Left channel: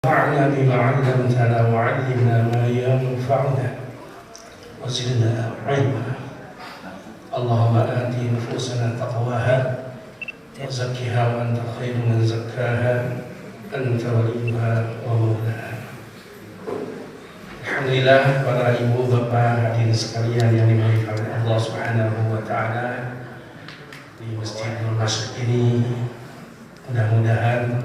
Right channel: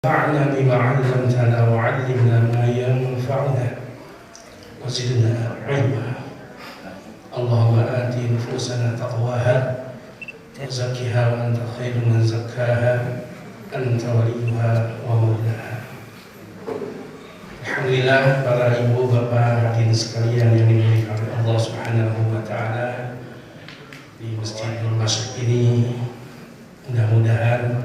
انفعنا بما علمتنا وعلمنا ما ينفعنا وزدنا علما. اللهم آت نفوسنا تقواها وزكها وأنت خير من زكاها أنت وليها ومولاها. Alhamdulillah, para ibu bapak hadirin sekalian yang dimuliakan oleh Allah Subhanahu wa taala, di Masjid Al-Masjid ini mudah-mudahan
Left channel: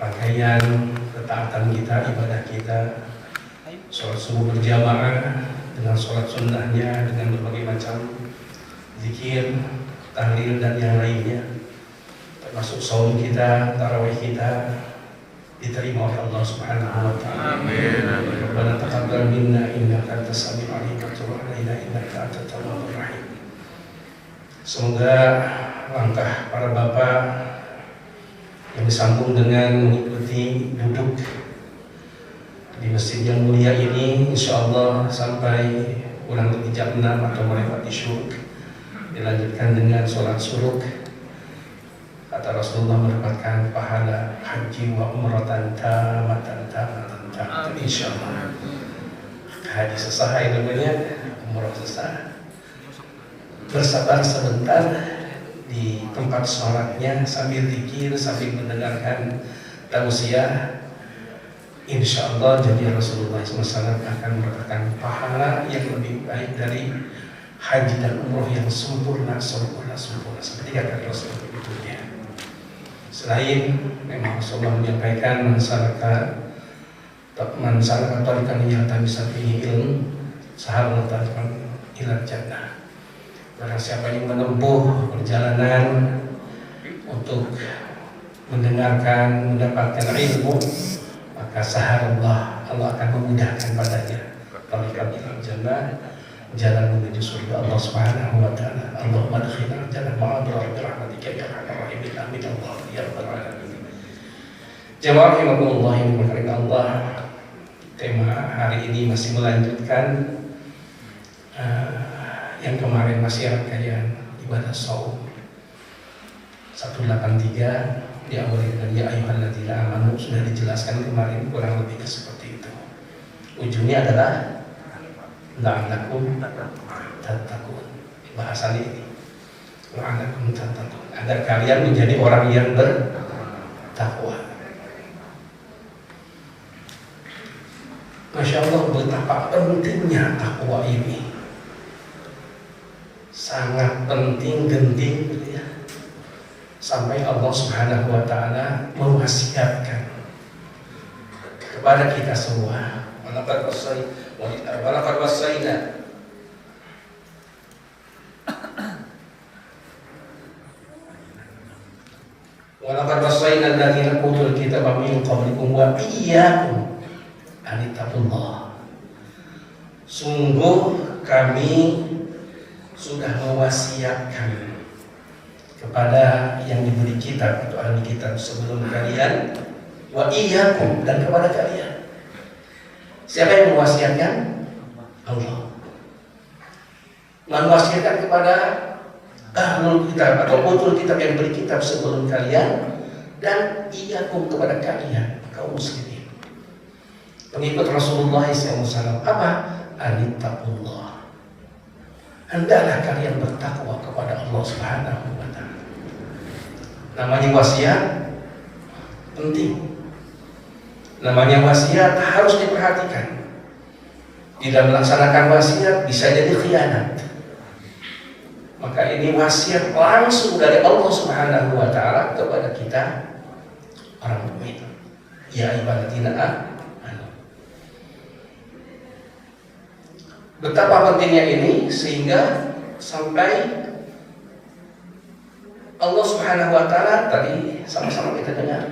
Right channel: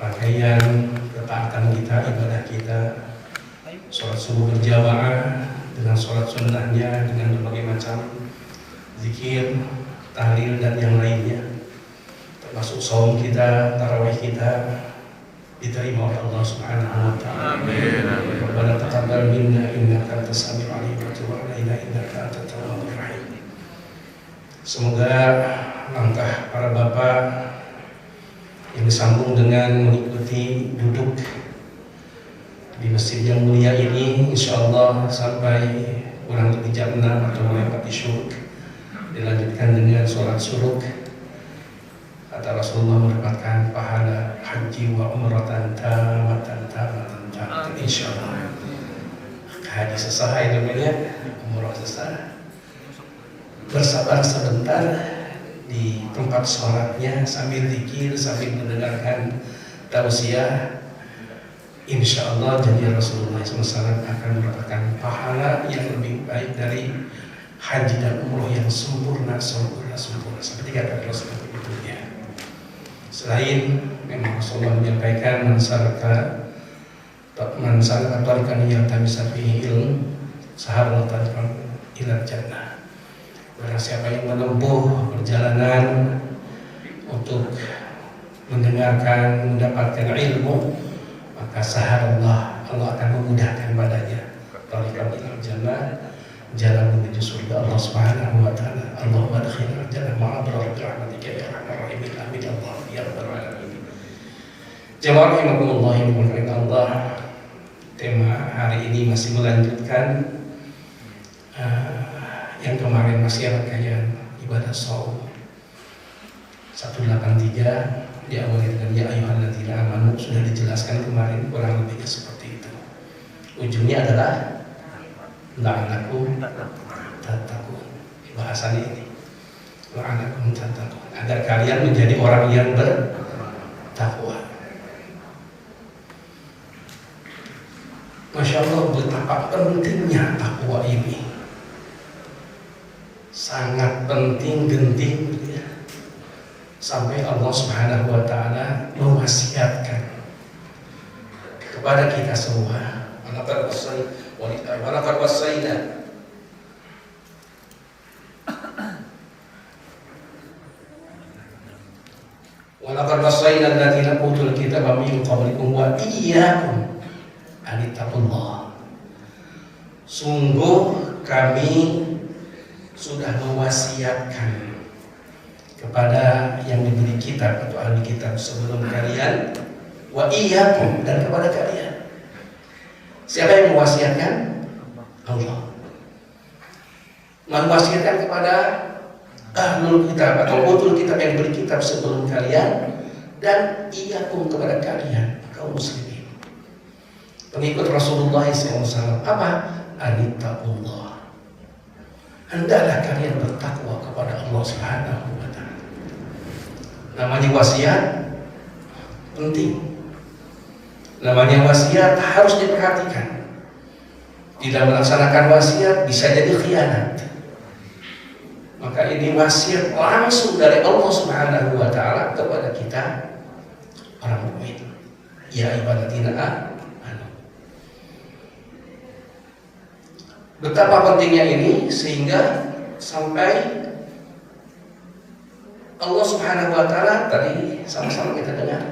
rangkaian ketaatan kita, ibadah kita, sholat subuh berjamaah dengan sholat sunnahnya, dengan berbagai macam zikir, tahlil dan yang lainnya, termasuk saum kita, tarawih kita, diterima oleh Allah Subhanahu wa taala. Amin. Rabbana taqabbal minna innaka antas samiul alim wa tub alaina innaka antat tawwabur rahim. Semoga langkah para bapak yang disambung dengan mengikuti duduk di masjid yang mulia ini, insyaallah sampai kurang lebih jam 6 atau melewati syuruk, dilanjutkan dengan sholat syuruk. Kata Rasulullah mendapatkan pahala haji wa umratan tamatan insyaallah. Haji selesai namanya, umrah selesai. Bersabar sebentar di tempat sholatnya sambil zikir, sambil mendengarkan tausiah. Insyaallah jadi Rasulullah SAW akan mendapatkan pahala yang lebih baik dari haji dan umrah yang sempurna seperti kata Rasulullah berikutnya. Selain memang Rasulullah menyampaikan mansalaka tariqan yaltamisa fihi ilm sahala tariqan ila jannah. Barang siapa yang menempuh perjalanan untuk mendengarkan, mendapatkan ilmu, maka sahalallah, Allah akan memudahkan padanya tariqan ila jannah, jalan menuju surga Allah Subhanahu wa taala. Allahumma adkhilna jannah ma'abrar bi rahmatika ya arhamar rahimin. Amin Allah ya rabbal alamin. Jemaah rahimakumullah yang dimuliakan Allah, tema hari ini masih melanjutkan yang kemarin, masih rangkaian ibadah saum 183 diawali dengan ya ayyuhalladzina amanu, sudah dijelaskan kemarin kurang lebihnya seperti itu. Ujungnya adalah la'allakum tattaqun. Bahasannya ini la'allakum tattaqun, agar kalian menjadi orang yang bertakwa. Masya Allah, betapa pentingnya takwa ini. Sangat penting, genting gitu ya. Sampai Allah Subhanahu wa taala mewasiatkan kepada kita semua, walaqad wasaina alladziina utul kitaba min qablikum wa iyyakum an ittaqullah. Sungguh kami sudah mewasiatkan kepada yang diberi kitab atau ahli kitab sebelum kalian, wa iyyakum, dan kepada kalian. Siapa yang mewasiatkan? Allah. Mewasiatkan kepada ahlul kitab atau utul kitab yang diberi kitab sebelum kalian, dan iyyakum kepada kalian kaum muslimin, pengikut Rasulullah SAW. Apa? Anittaqullah. Hendaklah kalian bertakwa kepada Allah Subhanahu wa taala. Namanya wasiat penting. Namanya wasiat harus diperhatikan. Tidak melaksanakan wasiat bisa jadi khianat. Maka ini wasiat langsung dari Allah Subhanahu wa taala kepada kita orang mukmin. Ya ayyuhalladzina amanu. Betapa pentingnya ini sehingga sampai Allah Subhanahu wa taala tadi sama-sama kita dengar.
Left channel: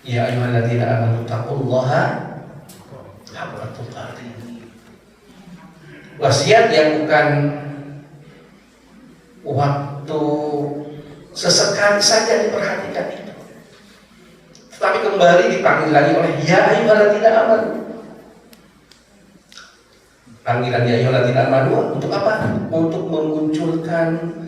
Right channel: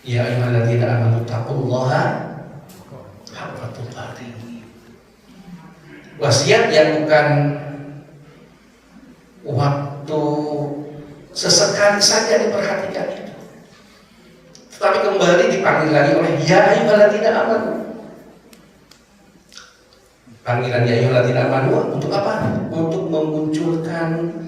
Ya ayyuhalladzina amanu taqullaha haqqa tuqatih. Wasiat yang bukan waktu sesekali saja diperhatikan itu, tetapi kembali dipanggil lagi oleh ya ayyuhalladzina amanu. Panggilan ya ayyuhalladzina amanu untuk apa? Untuk memunculkan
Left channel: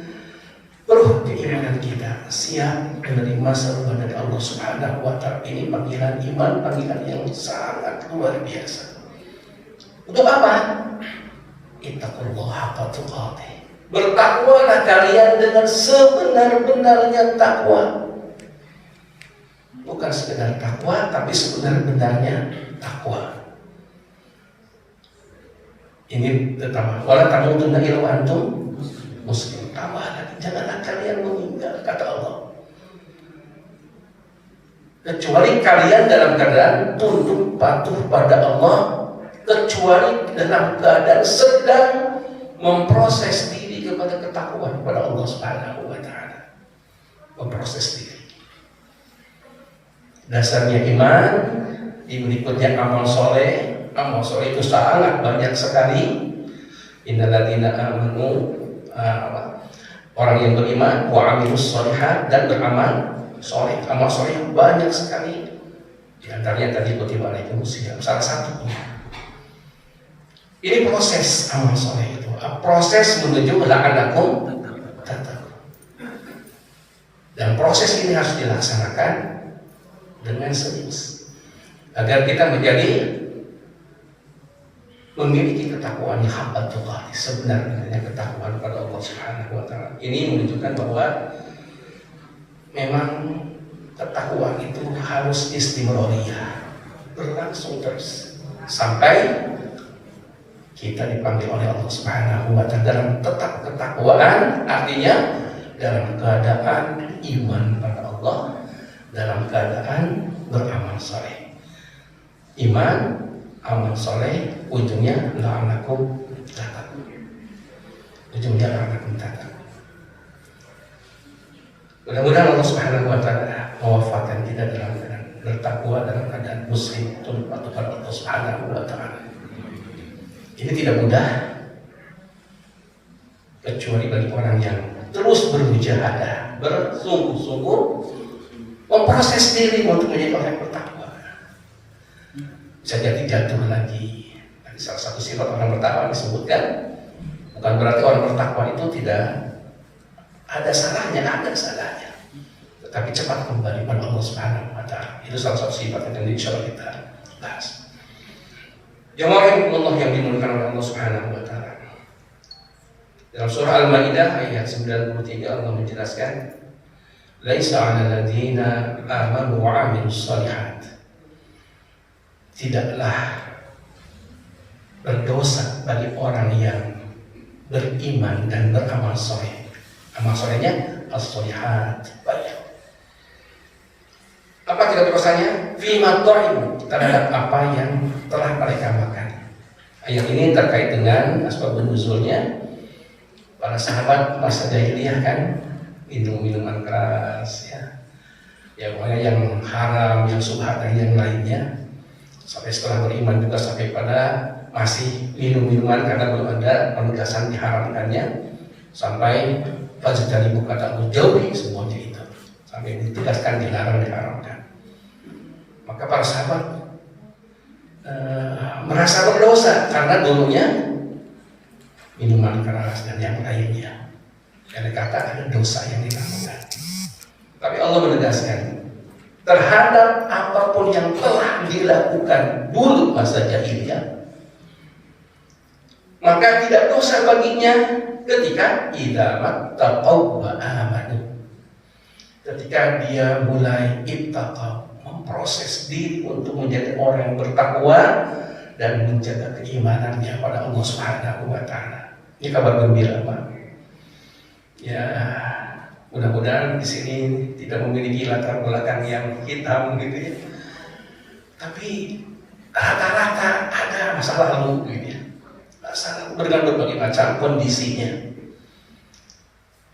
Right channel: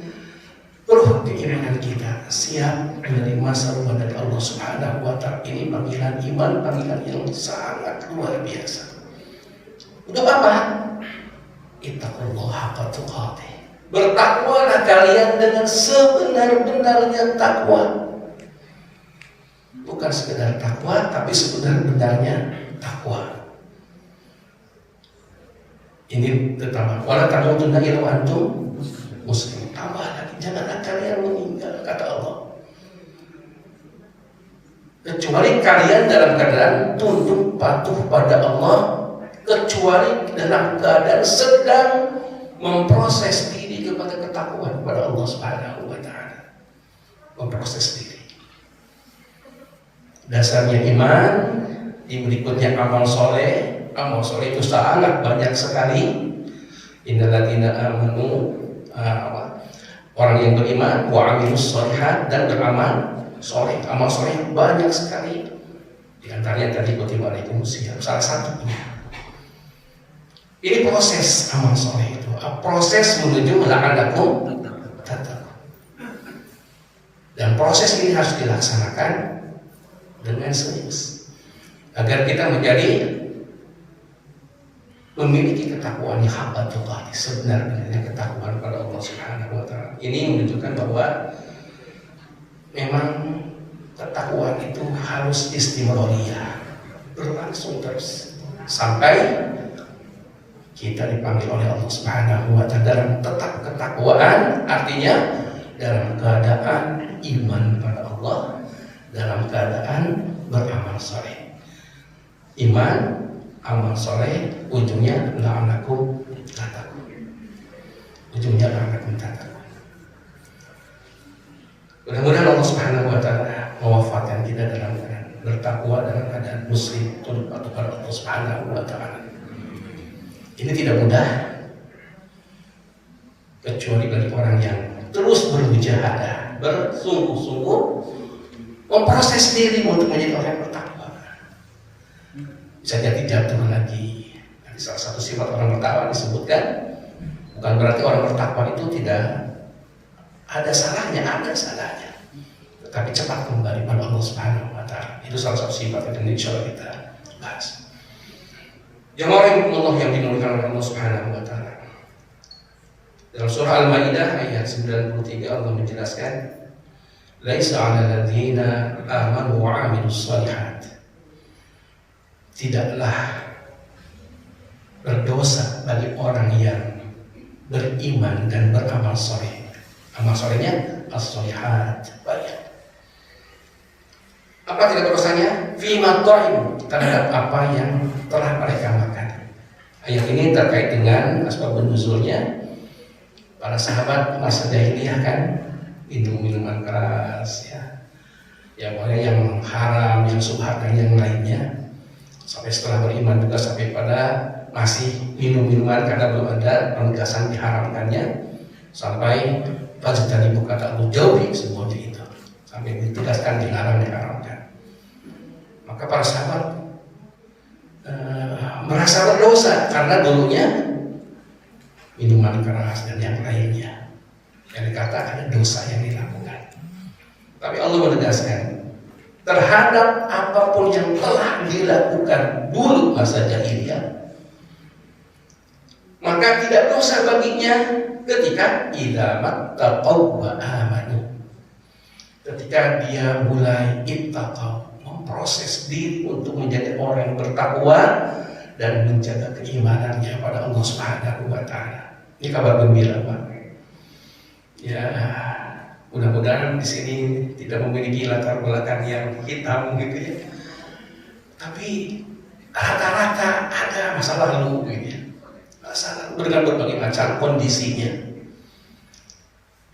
kokoh keimanan kita, siap menerima seruan dari Allah Subhanahu wa Ta'ala. Ini panggilan iman, panggilan yang sangat luar biasa. Untuk apa? Ittaqullaha haqqa tuqatih. Bertakwalah kalian dengan sebenar-benarnya takwa. Bukan sekedar takwa, tapi sebenar-benarnya takwa. Ini pertama. Wala tamutunna illa wa antum muslimun. Janganlah kalian meninggal, kata Allah, kecuali kalian dalam keadaan tunduk patuh pada Allah, kecuali dalam keadaan sedang memproses diri kepada ketakwaan kepada Allah Subhanahu wa Ta'ala. Memproses diri. Dasarnya iman, berikutnya amal soleh. Amal soleh itu sangat banyak sekali. Innal ladzina amanu, orang yang beriman, wa amilus sholihat, dan beramal soleh. Amal soleh banyak sekali. Di antaranya tadi kutiba alaikumusiyam, salah satunya. Ini proses amal soleh itu, proses menuju la'alakum tattaqun. Dan proses ini harus dilaksanakan dengan serius agar kita menjadi memiliki ketakwaan yang haqqa tuqatih, sebenarnya ketakwaan pada Allah Subhanahu wa Ta'ala. Ini menunjukkan bahwa memang ketakwaan itu harus istimrariyah, berlangsung terus sampai kita dipanggil oleh Allah Subhanahu wa Ta'ala dalam tetap ketakwaan, artinya dalam keadaan iman pada Allah, dalam keadaan beramal saleh. Iman, amal soleh, ujungnya la'alakum tattaqun. Ujungnya la'alakum tattaqun. Mudah-mudahan Allah Subhanahu wa Ta'ala mewafatkan kita dalam keadaan bertakwa, dalam keadaan muslim, tunduk patuh pada Allah Subhanahu wa Ta'ala. Ini tidak mudah, kecuali bagi orang yang terus bermujahadah, bersungguh-sungguh memproses diri untuk menjadi orang yang bertakwa. Bisa jadi jatuh lagi. Nanti salah satu sifat orang bertakwa disebutkan, bukan berarti orang bertakwa itu tidak ada salahnya, tetapi cepat kembali pada Allah Subhanahu wa Ta'ala. Itu salah satu sifat yang insya Allah kita bahas. Jemaah Allah yang dimuliakan oleh Allah Subhanahu wa Ta'ala. Dalam surah Al-Maidah ayat 93 Allah menjelaskan, laisa 'alal ladzina amanu wa 'amilus shalihat. Tidaklah berdosa bagi orang yang beriman dan beramal soleh. Amal solehnya as-sholihat, banyak. Apa tidak dosanya? Fima ta'im, terhadap apa yang telah mereka makan. Ayat ini terkait dengan asbabun nuzulnya. Para sahabat masa jahiliyah kan minum minuman keras, ya yang haram, yang subhat dan yang lainnya. Sampai setelah beriman juga sampai pada masih minum minuman karena belum ada penegasan diharamkannya, sampai fajtani kata Allah, jauhi semuanya itu, sampai ditegaskan dilarang, diharamkan. Maka para sahabat merasa berdosa karena dulunya minuman keras dan yang lainnya, yang dikata ada dosa yang dilakukan. Tapi Allah menegaskan, terhadap apapun yang telah dilakukan dulu masa jahiliyah, maka tidak dosa baginya ketika idza mattaqaw wa amanu. Ketika dia mulai ittaqaw, memproses diri untuk menjadi orang yang bertakwa dan menjaga keimanannya pada Allah Subhanahu wa Ta'ala. Ini kabar gembira, Pak. Ya, mudah-mudahan di sini tidak memiliki latar belakang yang hitam gitu ya. Tapi rata-rata ada masa lalu gitu ya. Dengan berbagai macam kondisinya.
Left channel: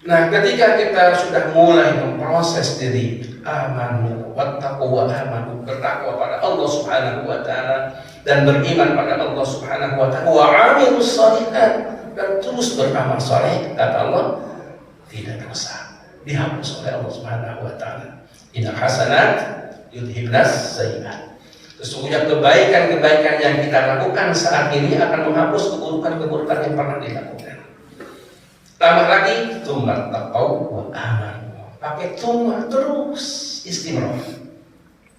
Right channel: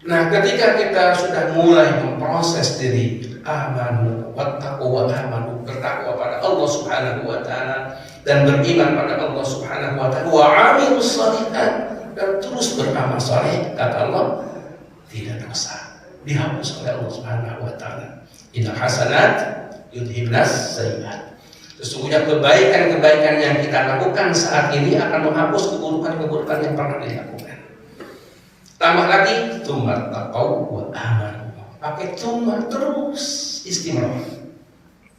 Nah, ketika kita sudah mulai memproses diri, amanu wattaqwa amanu, bertakwa pada Allah Subhanahu wa Ta'ala dan beriman pada Allah Subhanahu wa Ta'ala, wa amilus sholihat, dan terus beramal saleh, kata Allah, tidak dosa, dihapus oleh Allah Subhanahu wa Ta'ala. Innal hasanat yudhibnas sayyi'at. Sesungguhnya kebaikan-kebaikan yang kita lakukan saat ini akan menghapus keburukan-keburukan yang pernah dilakukan. Tambah lagi, tsumma taqaw wa pakai cuma terus istimewa,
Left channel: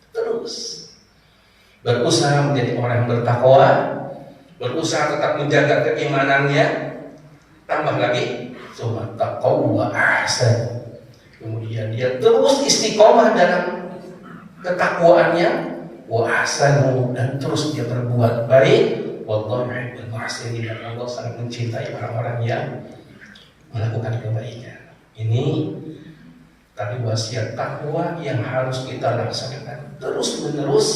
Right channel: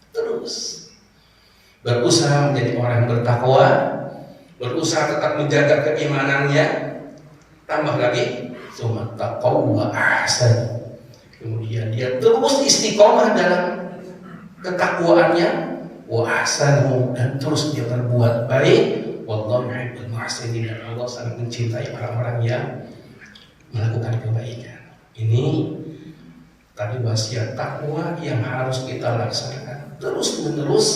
terus berusaha menjadi orang yang bertakwa, berusaha tetap menjaga keimanannya, tambah lagi cuma taqwa ahsan. Kemudian dia terus istiqomah dalam ketakwaannya, wa ahsanu, dan terus dia berbuat baik. Wallahu yuhibbul muhsinin, dan Allah sangat mencintai orang-orang yang melakukan kebaikan. Ini tadi wasiat takwa yang harus kita laksanakan terus menerus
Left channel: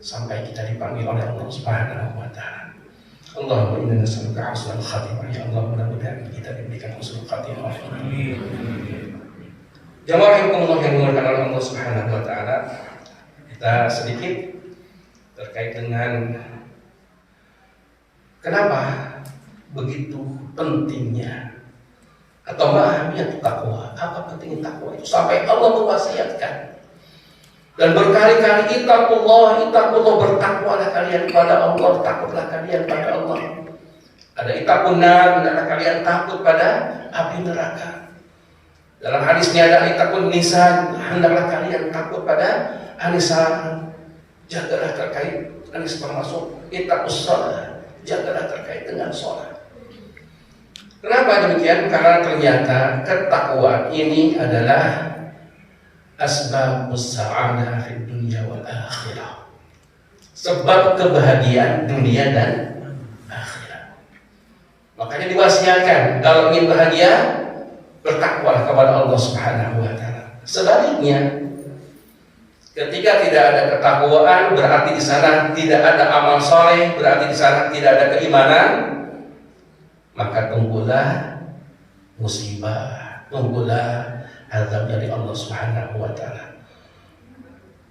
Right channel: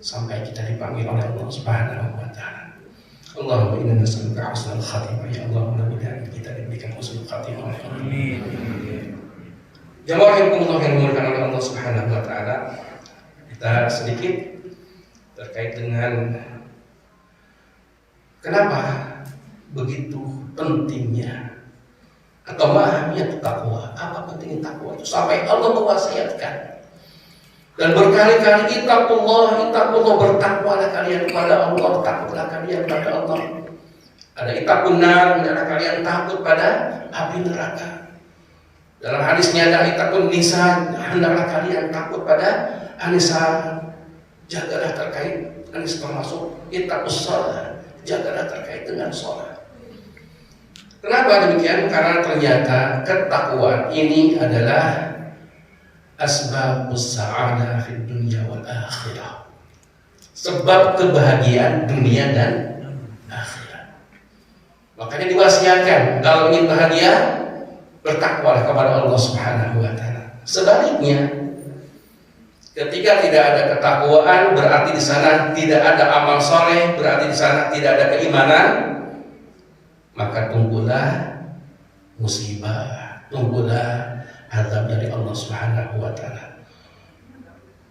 sampai kita dipanggil oleh Allah Subhanahu wa taala. Allahumma inna nas'aluka husnal khatimah. Ya Allah, mudah-mudahan kita diberikan husnul khatimah. Amin. Jamaah yang dimuliakan oleh Allah Subhanahu wa taala, kita sedikit terkait dengan kenapa begitu pentingnya atau mahamiyat takwa. Apa pentingnya takwa itu sampai Allah mewasiatkan. Dan berkali-kali ittaqullah, bertakwalah kalian kepada Allah, takutlah kalian pada Allah. Ada ittaqun nar, kalian takut pada api neraka. Dalam hadisnya ada ittaqun nisa, hendaklah kalian takut pada anisa, jagalah terkait anis, termasuk ittaqus shalah, jagalah terkait dengan sholat. Kenapa demikian? Karena ternyata ketakwaan ini adalah asbabus sa'adah fid dunya wal akhirah. Sebab kebahagiaan dunia dan akhirat. Makanya diwasiatkan kalau ingin bahagia, bertakwalah kepada Allah Subhanahu wa taala. Sebaliknya, ketika tidak ada ketakwaan, berarti di sana tidak ada amal soleh, berarti di sana tidak ada keimanan, maka tunggulah musibah, tunggulah azab dari Allah Subhanahu wa taala.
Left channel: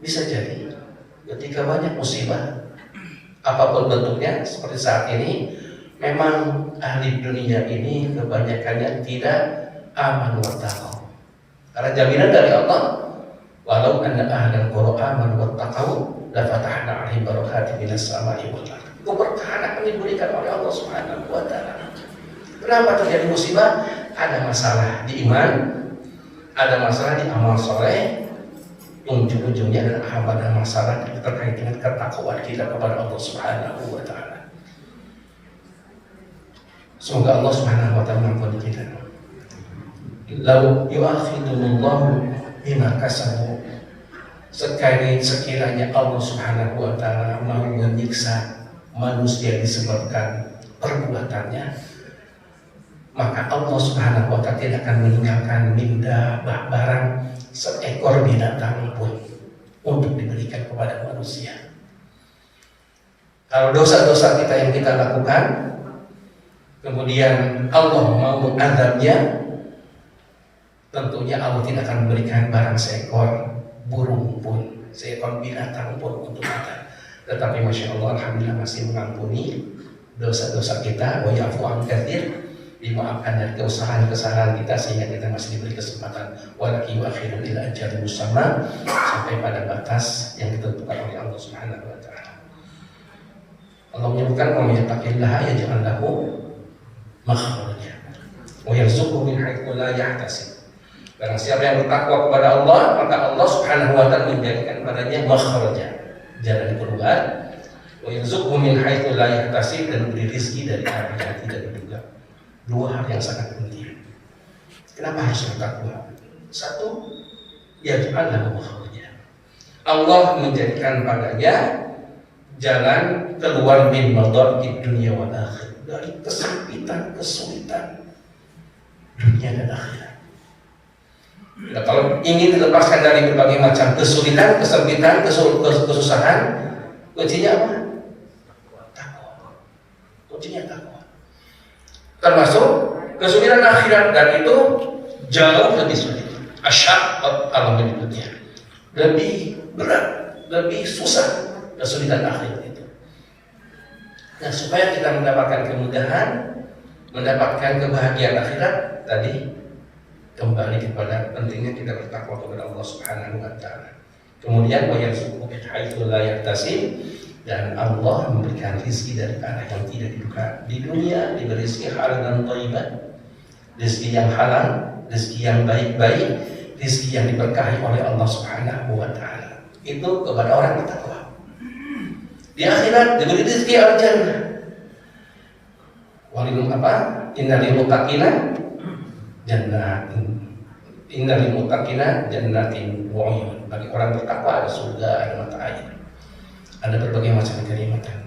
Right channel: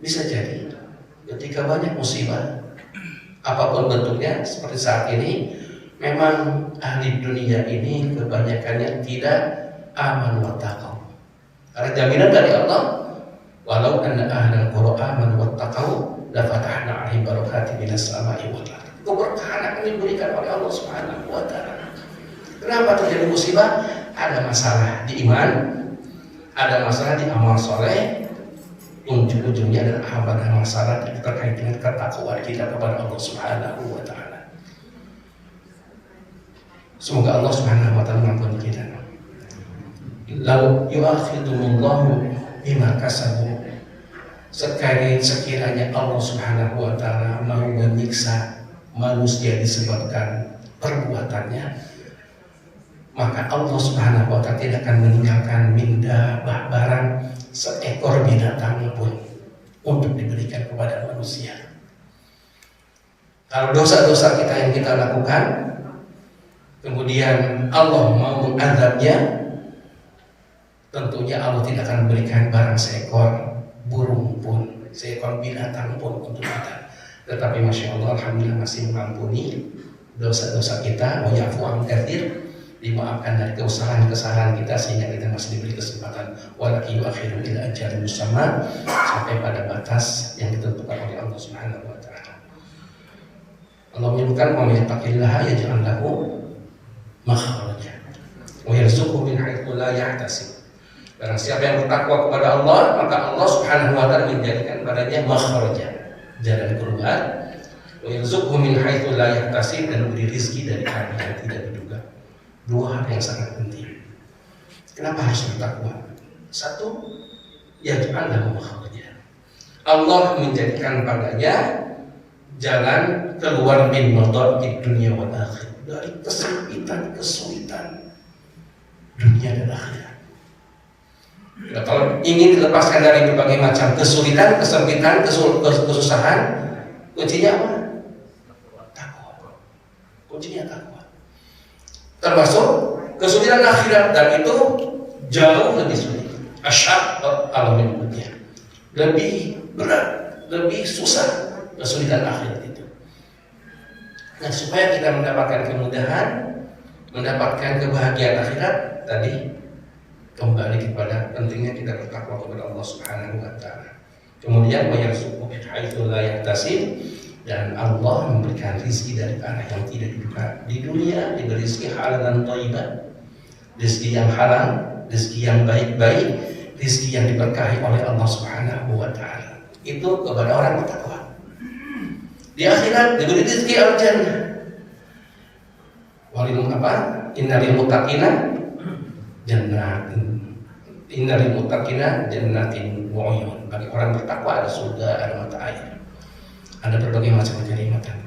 Bisa jadi ketika banyak musibah apapun bentuknya seperti saat ini, memang ahli dunia ini kebanyakannya tidak aman wa taqaw. Karena jaminan dari Allah, walau anna ahlal qura amanu wa taqaw la fatahna 'alaihim barakatin minas sama'i wal ardh. Keberkahan akan diberikan oleh Allah Subhanahu wa taala. Kenapa terjadi musibah? Ada masalah di iman, ada masalah di amal soleh, ujung-ujungnya ada masalah terkait dengan ketakwaan kita kepada Allah Subhanahu wa taala. Semoga Allah Subhanahu wa taala mengampuni kita. Lau yu'akhidullahu bima kasabu, sekiranya Allah Subhanahu wa taala mau menyiksa manusia disebabkan perbuatannya, maka Allah Subhanahu wa taala tidak akan meninggalkan minda barang seekor binatang pun untuk diberikan kepada manusia. Kalau dosa-dosa kita yang kita lakukan, kemudian Allah mau mengadabnya, tentunya Allah tidak akan memberikan barang seekor burung pun, seekor binatang pun untuk kita. Tetapi Masya Allah, Alhamdulillah masih mengampuni dosa-dosa kita, wa ya'fu an katsir, dimaafkan dari kesalahan kita sehingga kita masih diberi kesempatan walakin yu'akhiru ila ajalin musamma, sampai pada batas yang ditentukan oleh Allah Subhanahu wa taala. Allah menyebutkan wa may yattaqillaha yaj'al lahu makhraja wa yarzuqhu min haitsu la yahtasib. Barang siapa yang bertakwa kepada Allah, maka Allah Subhanahu wa taala menjadikan padanya makhraja, jalan keluar, wa yarzuqhu min haitsu la yahtasib, dan beri rezeki dari arah yang tidak diduga. Dua hal yang sangat penting. Kenapa harus bertakwa? Satu, yaj'al makhraja. Allah menjadikan padanya jalan keluar min madhaqid dunia wal akhirah, dari kesempitan, kesulitan dunia dan akhirat. Nah, kalau ingin dilepaskan dari berbagai macam kesulitan, kesempitan, kesusahan, kuncinya apa? Takwa. Kuncinya takwa. Termasuk kesulitan akhirat, dan itu jauh lebih sulit. Asyaq Allah menyebutnya, lebih berat, lebih susah kesulitan akhirat itu. Nah, supaya kita mendapatkan kemudahan, mendapatkan kebahagiaan akhirat, tadi kembali kepada pentingnya kita bertakwa kepada Allah Subhanahu wa taala. Kemudian wayarzuqhu min haitsu la yahtasib, dan Allah memberikan rezeki dari arah yang tidak diduga. Di dunia diberi rezeki halal dan thayyibah, rezeki yang halal, rezeki yang baik-baik. rizki yang diberkahi oleh Allah Subhanahu wa taala itu kepada orang bertakwa. Di akhirat diberi rizki al-jannah. Walil apa? Innalil muttaqina jannatin. Innalil muttaqina jannatin wa uyun. Bagi orang bertakwa ada surga, ada mata air. Ada berbagai macam kenikmatan.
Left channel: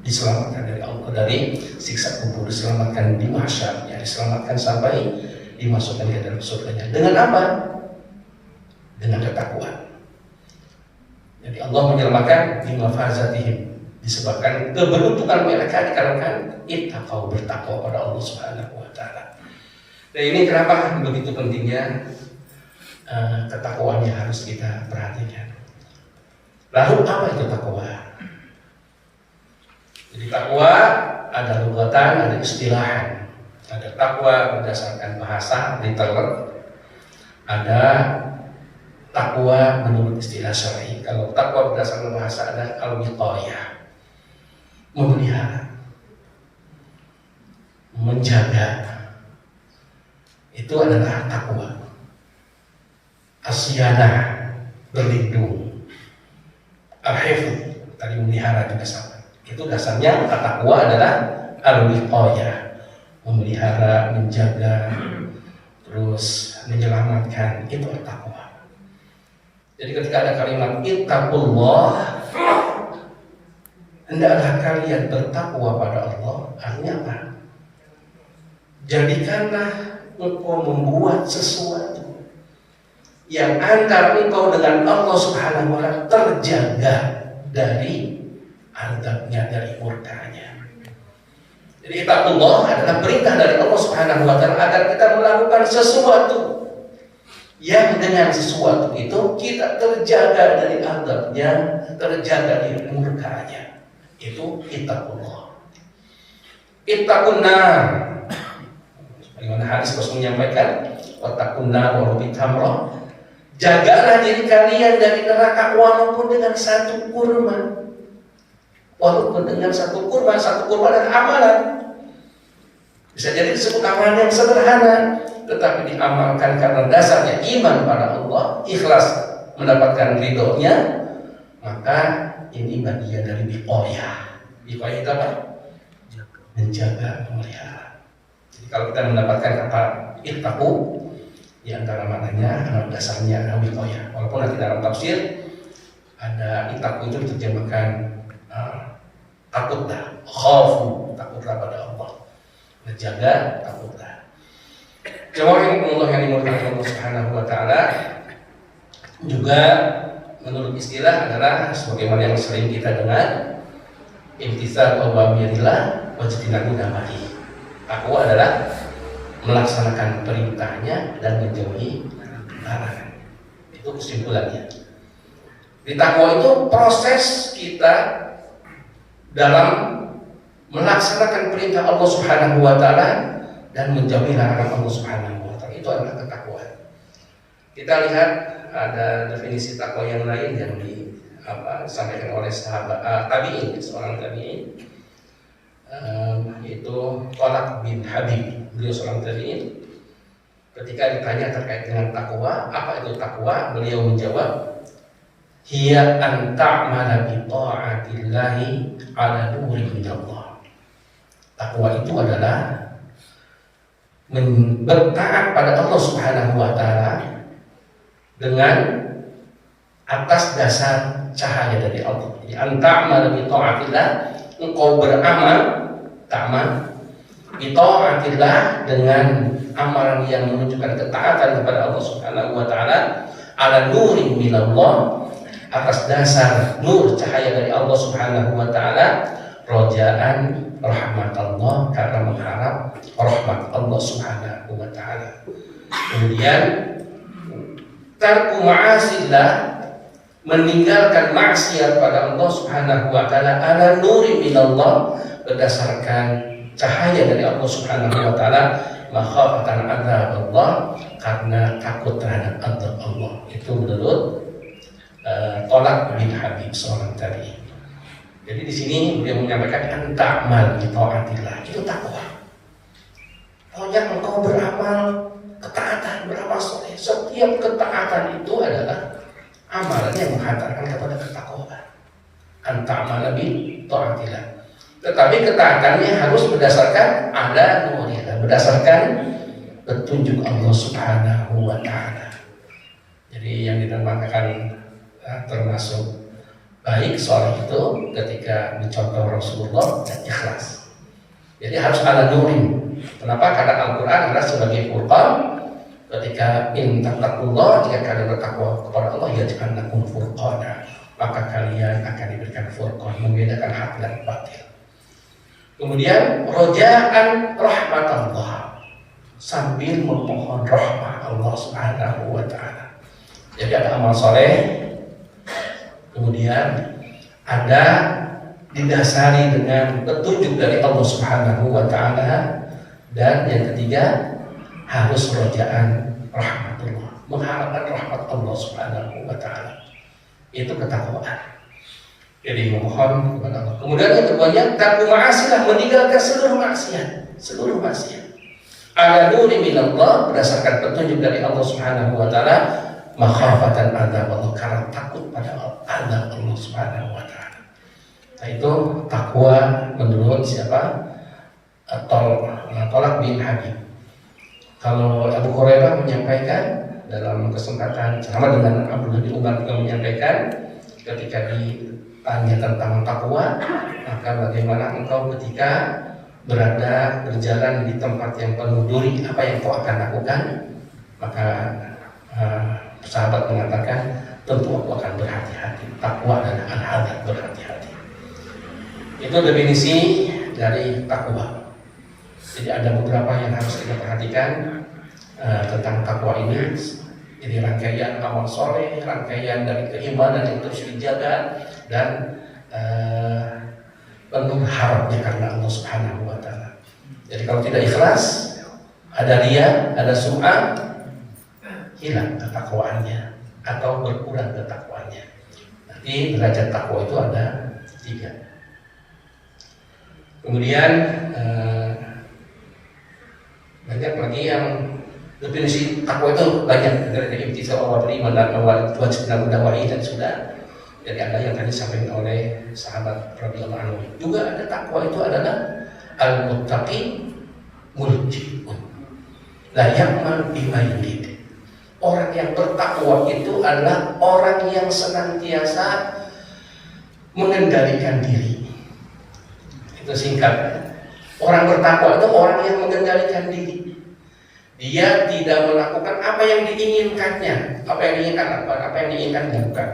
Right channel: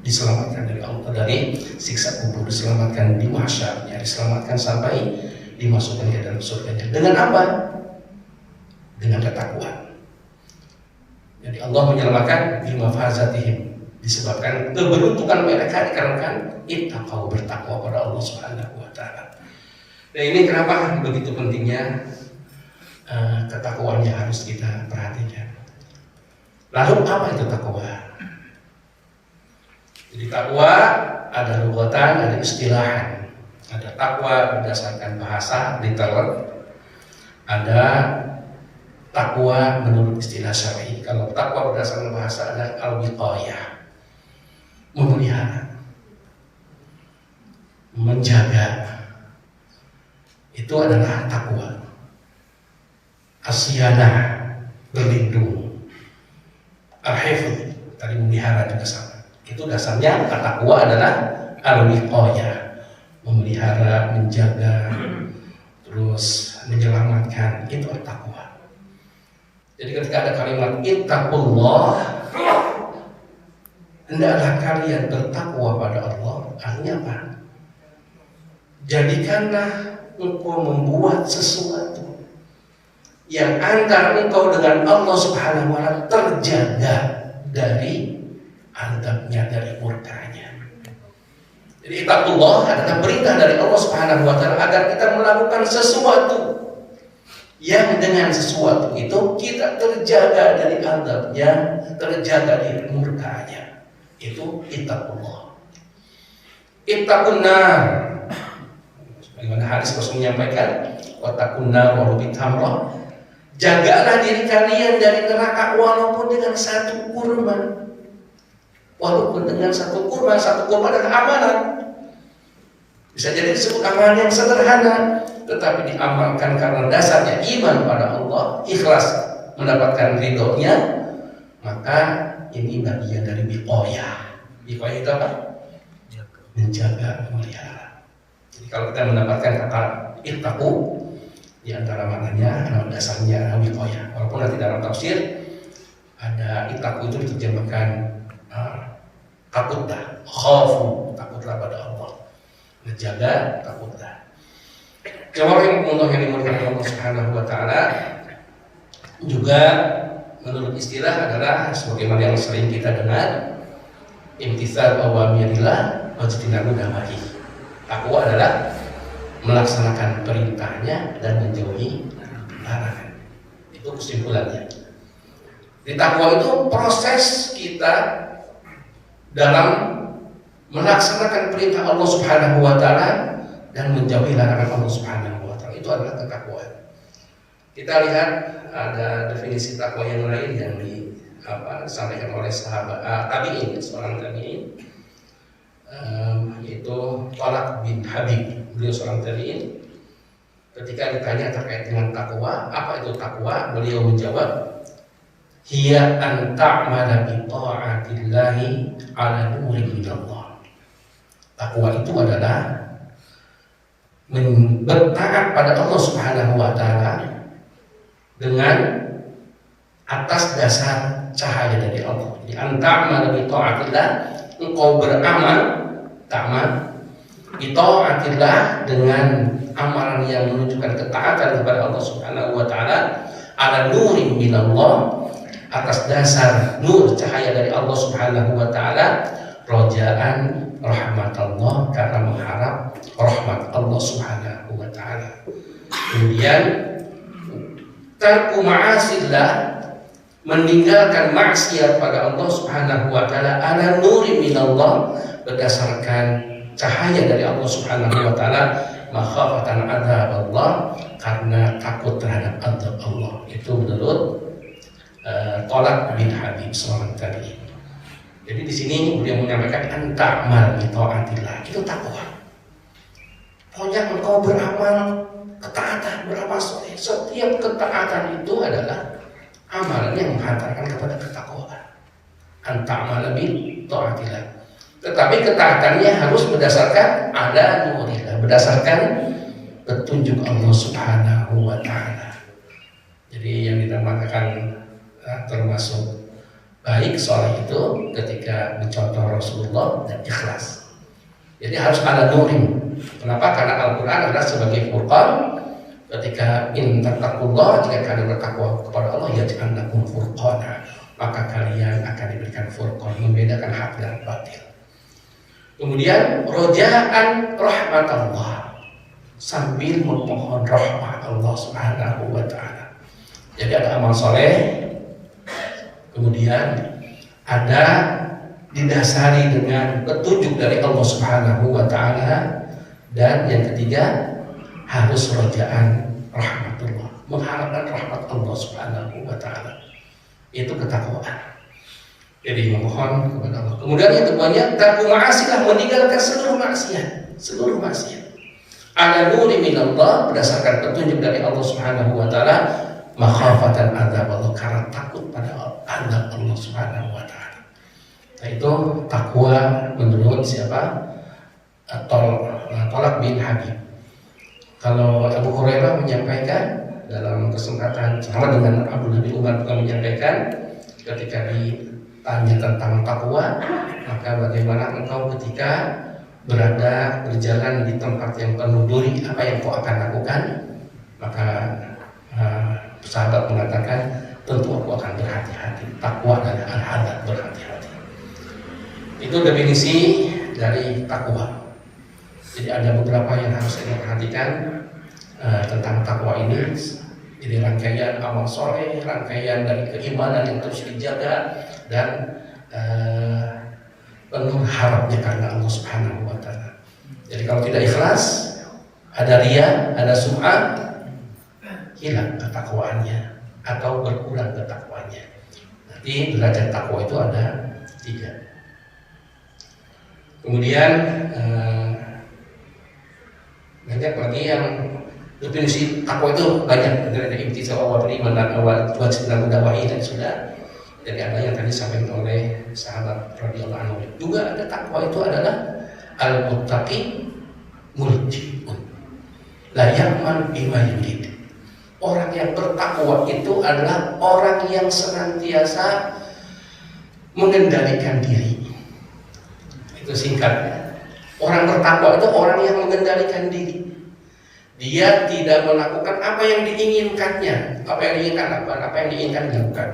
Diselamatkan dari Allah, dari siksa kubur, diselamatkan di mahsyarnya, diselamatkan sampai dimasukkan ke dalam surganya. Dengan apa? Dengan ketakwaan. Jadi Allah menyelamatkan di mafazatihim, disebabkan keberuntungan mereka dikarenakan ittaqau, bertakwa pada Allah Subhanahu wa taala. Dan ini kenapa begitu pentingnya ketakwaannya harus kita perhatikan. Lalu apa itu takwa? Jadi takwa ada lugatan, ada istilahan. Ada takwa berdasarkan bahasa, literal. Ada takwa menurut istilah syar'i. Kalau takwa berdasarkan bahasa ada al-wiqayah, memelihara, menjaga. Itu adalah takwa. Asyanah, berlindung. Al-hifz, tadi memelihara juga sama. Itu dasarnya takwa adalah al-wiqayah, memelihara, menjaga, terus menyelamatkan. Itu takwa. Jadi ketika ada kalimat ittaqullah, hendaklah kalian bertakwa pada Allah. Artinya apa? Jadikanlah engkau membuat sesuatu yang antara engkau dengan Allah Subhanahu wa taala terjaga dari azabnya, dari murkanya. Jadi ittaqullah adalah perintah dari Allah Subhanahu wa taala agar kita melakukan sesuatu yang dengan sesuatu itu kita terjaga dari azabnya, terjaga dari murkanya. Itu ittaqullah. Ittaqun nar. Bagaimana hadis Rasul menyampaikan, wattaqun nar wa bitamra. Jagalah diri kalian dari neraka walaupun dengan satu kurma. Walaupun dengan satu kurma adalah amalan. Bisa jadi disebut amalan yang sederhana, tetapi diamalkan karena dasarnya iman pada Allah, ikhlas mendapatkan ridhonya, maka ini bagian dari wiqayah. Wiqayah itu apa? Menjaga, memelihara. Jadi kalau kita mendapatkan kata ittaqu, di antara maknanya dasarnya adalah wiqayah. Walaupun nanti dalam tafsir ada ittaqu itu diterjemahkan takutlah, khafu, takutlah pada Allah, menjaga, takutlah. Jawabin Allah yang dimuliakan Allah Subhanahu wa taala juga menurut istilah adalah sebagaimana yang sering kita dengar, imtitsal awamirillah wa ijtinabu nawahi. Takwa adalah melaksanakan perintahnya dan menjauhi larangan. Itu kesimpulannya. Di takwa itu proses kita dalam melaksanakan perintah Allah Subhanahu wa taala dan menjauhi larangan Allah Subhanahu wa taala. Itu adalah ketakwaan. Kita lihat ada definisi takwa yang lain yang disampaikan oleh sahabat tabi'in, seorang tabi'in, yaitu Talaq bin Habib. Beliau seorang tabi'in. Ketika ditanya terkait dengan takwa, apa itu takwa? Beliau menjawab, hiya an ta'mala bi ta'atillahi ala nurin minallah. Takwa itu adalah bertaat pada Allah Subhanahu wa taala dengan atas dasar cahaya dari Allah. Jadi an ta'mala bi ta'atillah, engkau beramal, ta'mal bi ta'atillah, dengan amalan yang menunjukkan ketaatan kepada Allah Subhanahu wa taala, ala nurin minallah, atas dasar nur cahaya dari Allah Subhanahu wa taala, rojaan rahmat Allah, karena mengharap rahmat Allah Subhanahu wa taala. Kemudian tarku ma'asillah, meninggalkan maksiat pada Allah Subhanahu wa taala, ala nurin minallah, berdasarkan cahaya dari Allah Subhanahu wa taala, makhafatan adzab Allah, karena takut terhadap azab Allah. Itu menurut Talaq bin Habib, seorang tabi'in. Jadi di sini beliau menyampaikan anta'mal bi ta'atillah, itu takwa. Pokoknya engkau beramal ketaatan, beramal soleh. Setiap ketaatan itu adalah amalan yang menghantarkan kepada ketakwaan. Anta'amala bi ta'atillah. Tetapi ketaatannya harus berdasarkan ada nurillah, berdasarkan petunjuk Allah Subhanahu wa ta'ala. Jadi yang dinamakan termasuk baik soleh itu ketika mencontoh Rasulullah dan ikhlas. Jadi harus ada nurin. Kenapa? Karena Al-Quran adalah sebagai furqan. Ketika in tattaqullah, jika kalian bertakwa kepada Allah, yaj'al lakum furqana, maka kalian akan diberikan furqan, membedakan hak dan batil. Kemudian rojaan rahmat Allah, sambil memohon rahmat Allah Subhanahu wa ta'ala. Jadi ada amal soleh, kemudian ada didasari dengan petunjuk dari Allah Subhanahu wa ta'ala, dan yang ketiga harus rojaan rahmatullah, mengharapkan rahmat Allah Subhanahu wa ta'ala. Itu ketakwaan. Jadi memohon kepada Allah. Kemudian yang keduanya tarku ma'asilah, meninggalkan seluruh maksiat, seluruh maksiat. Ala nuri minallah, berdasarkan petunjuk dari Allah Subhanahu wa ta'ala, makhafatan azab Allah, karena takut pada azab Allah Subhanahu wa ta'ala. Nah itu takwa menurut siapa? Tolak bin Habib. Kalau Abu Hurairah menyampaikan dalam kesempatan sama dengan Abu Nabi Umar juga menyampaikan, ketika ditanya tentang takwa, maka bagaimana engkau ketika berada berjalan di tempat yang penuh duri, apa yang kau akan lakukan? Maka sahabat mengatakan, tentu aku akan berhati-hati. Takwa adalah al-hadar, berhati-hati. Itu definisi dari takwa. Jadi ada beberapa yang harus kita perhatikan tentang takwa ini. Jadi rangkaian amal soleh, rangkaian dari keimanan yang terus dijaga, dan penuh harapnya karena Allah Subhanahu wa ta'ala. Jadi kalau tidak ikhlas, ada riya, ada sum'ah, hilang ketakwaannya atau berkurang ketakwaannya. Nanti derajat takwa itu ada 3. Kemudian banyak lagi yang definisi takwa itu banyak, dari imtithal awamri wa wajibul nawahi, dan sudah. Jadi ada yang tadi disampaikan oleh sahabat radhiyallahu anhu. Juga ada takwa itu adalah al-muttaqi muljiun la ya'mal bima yurid. Orang yang bertakwa itu adalah orang yang senantiasa mengendalikan diri. Itu singkatnya. Orang bertakwa itu orang yang mengendalikan diri. Dia tidak melakukan apa yang diinginkannya, apa yang diinginkan lakukan, apa yang diinginkan lakukan.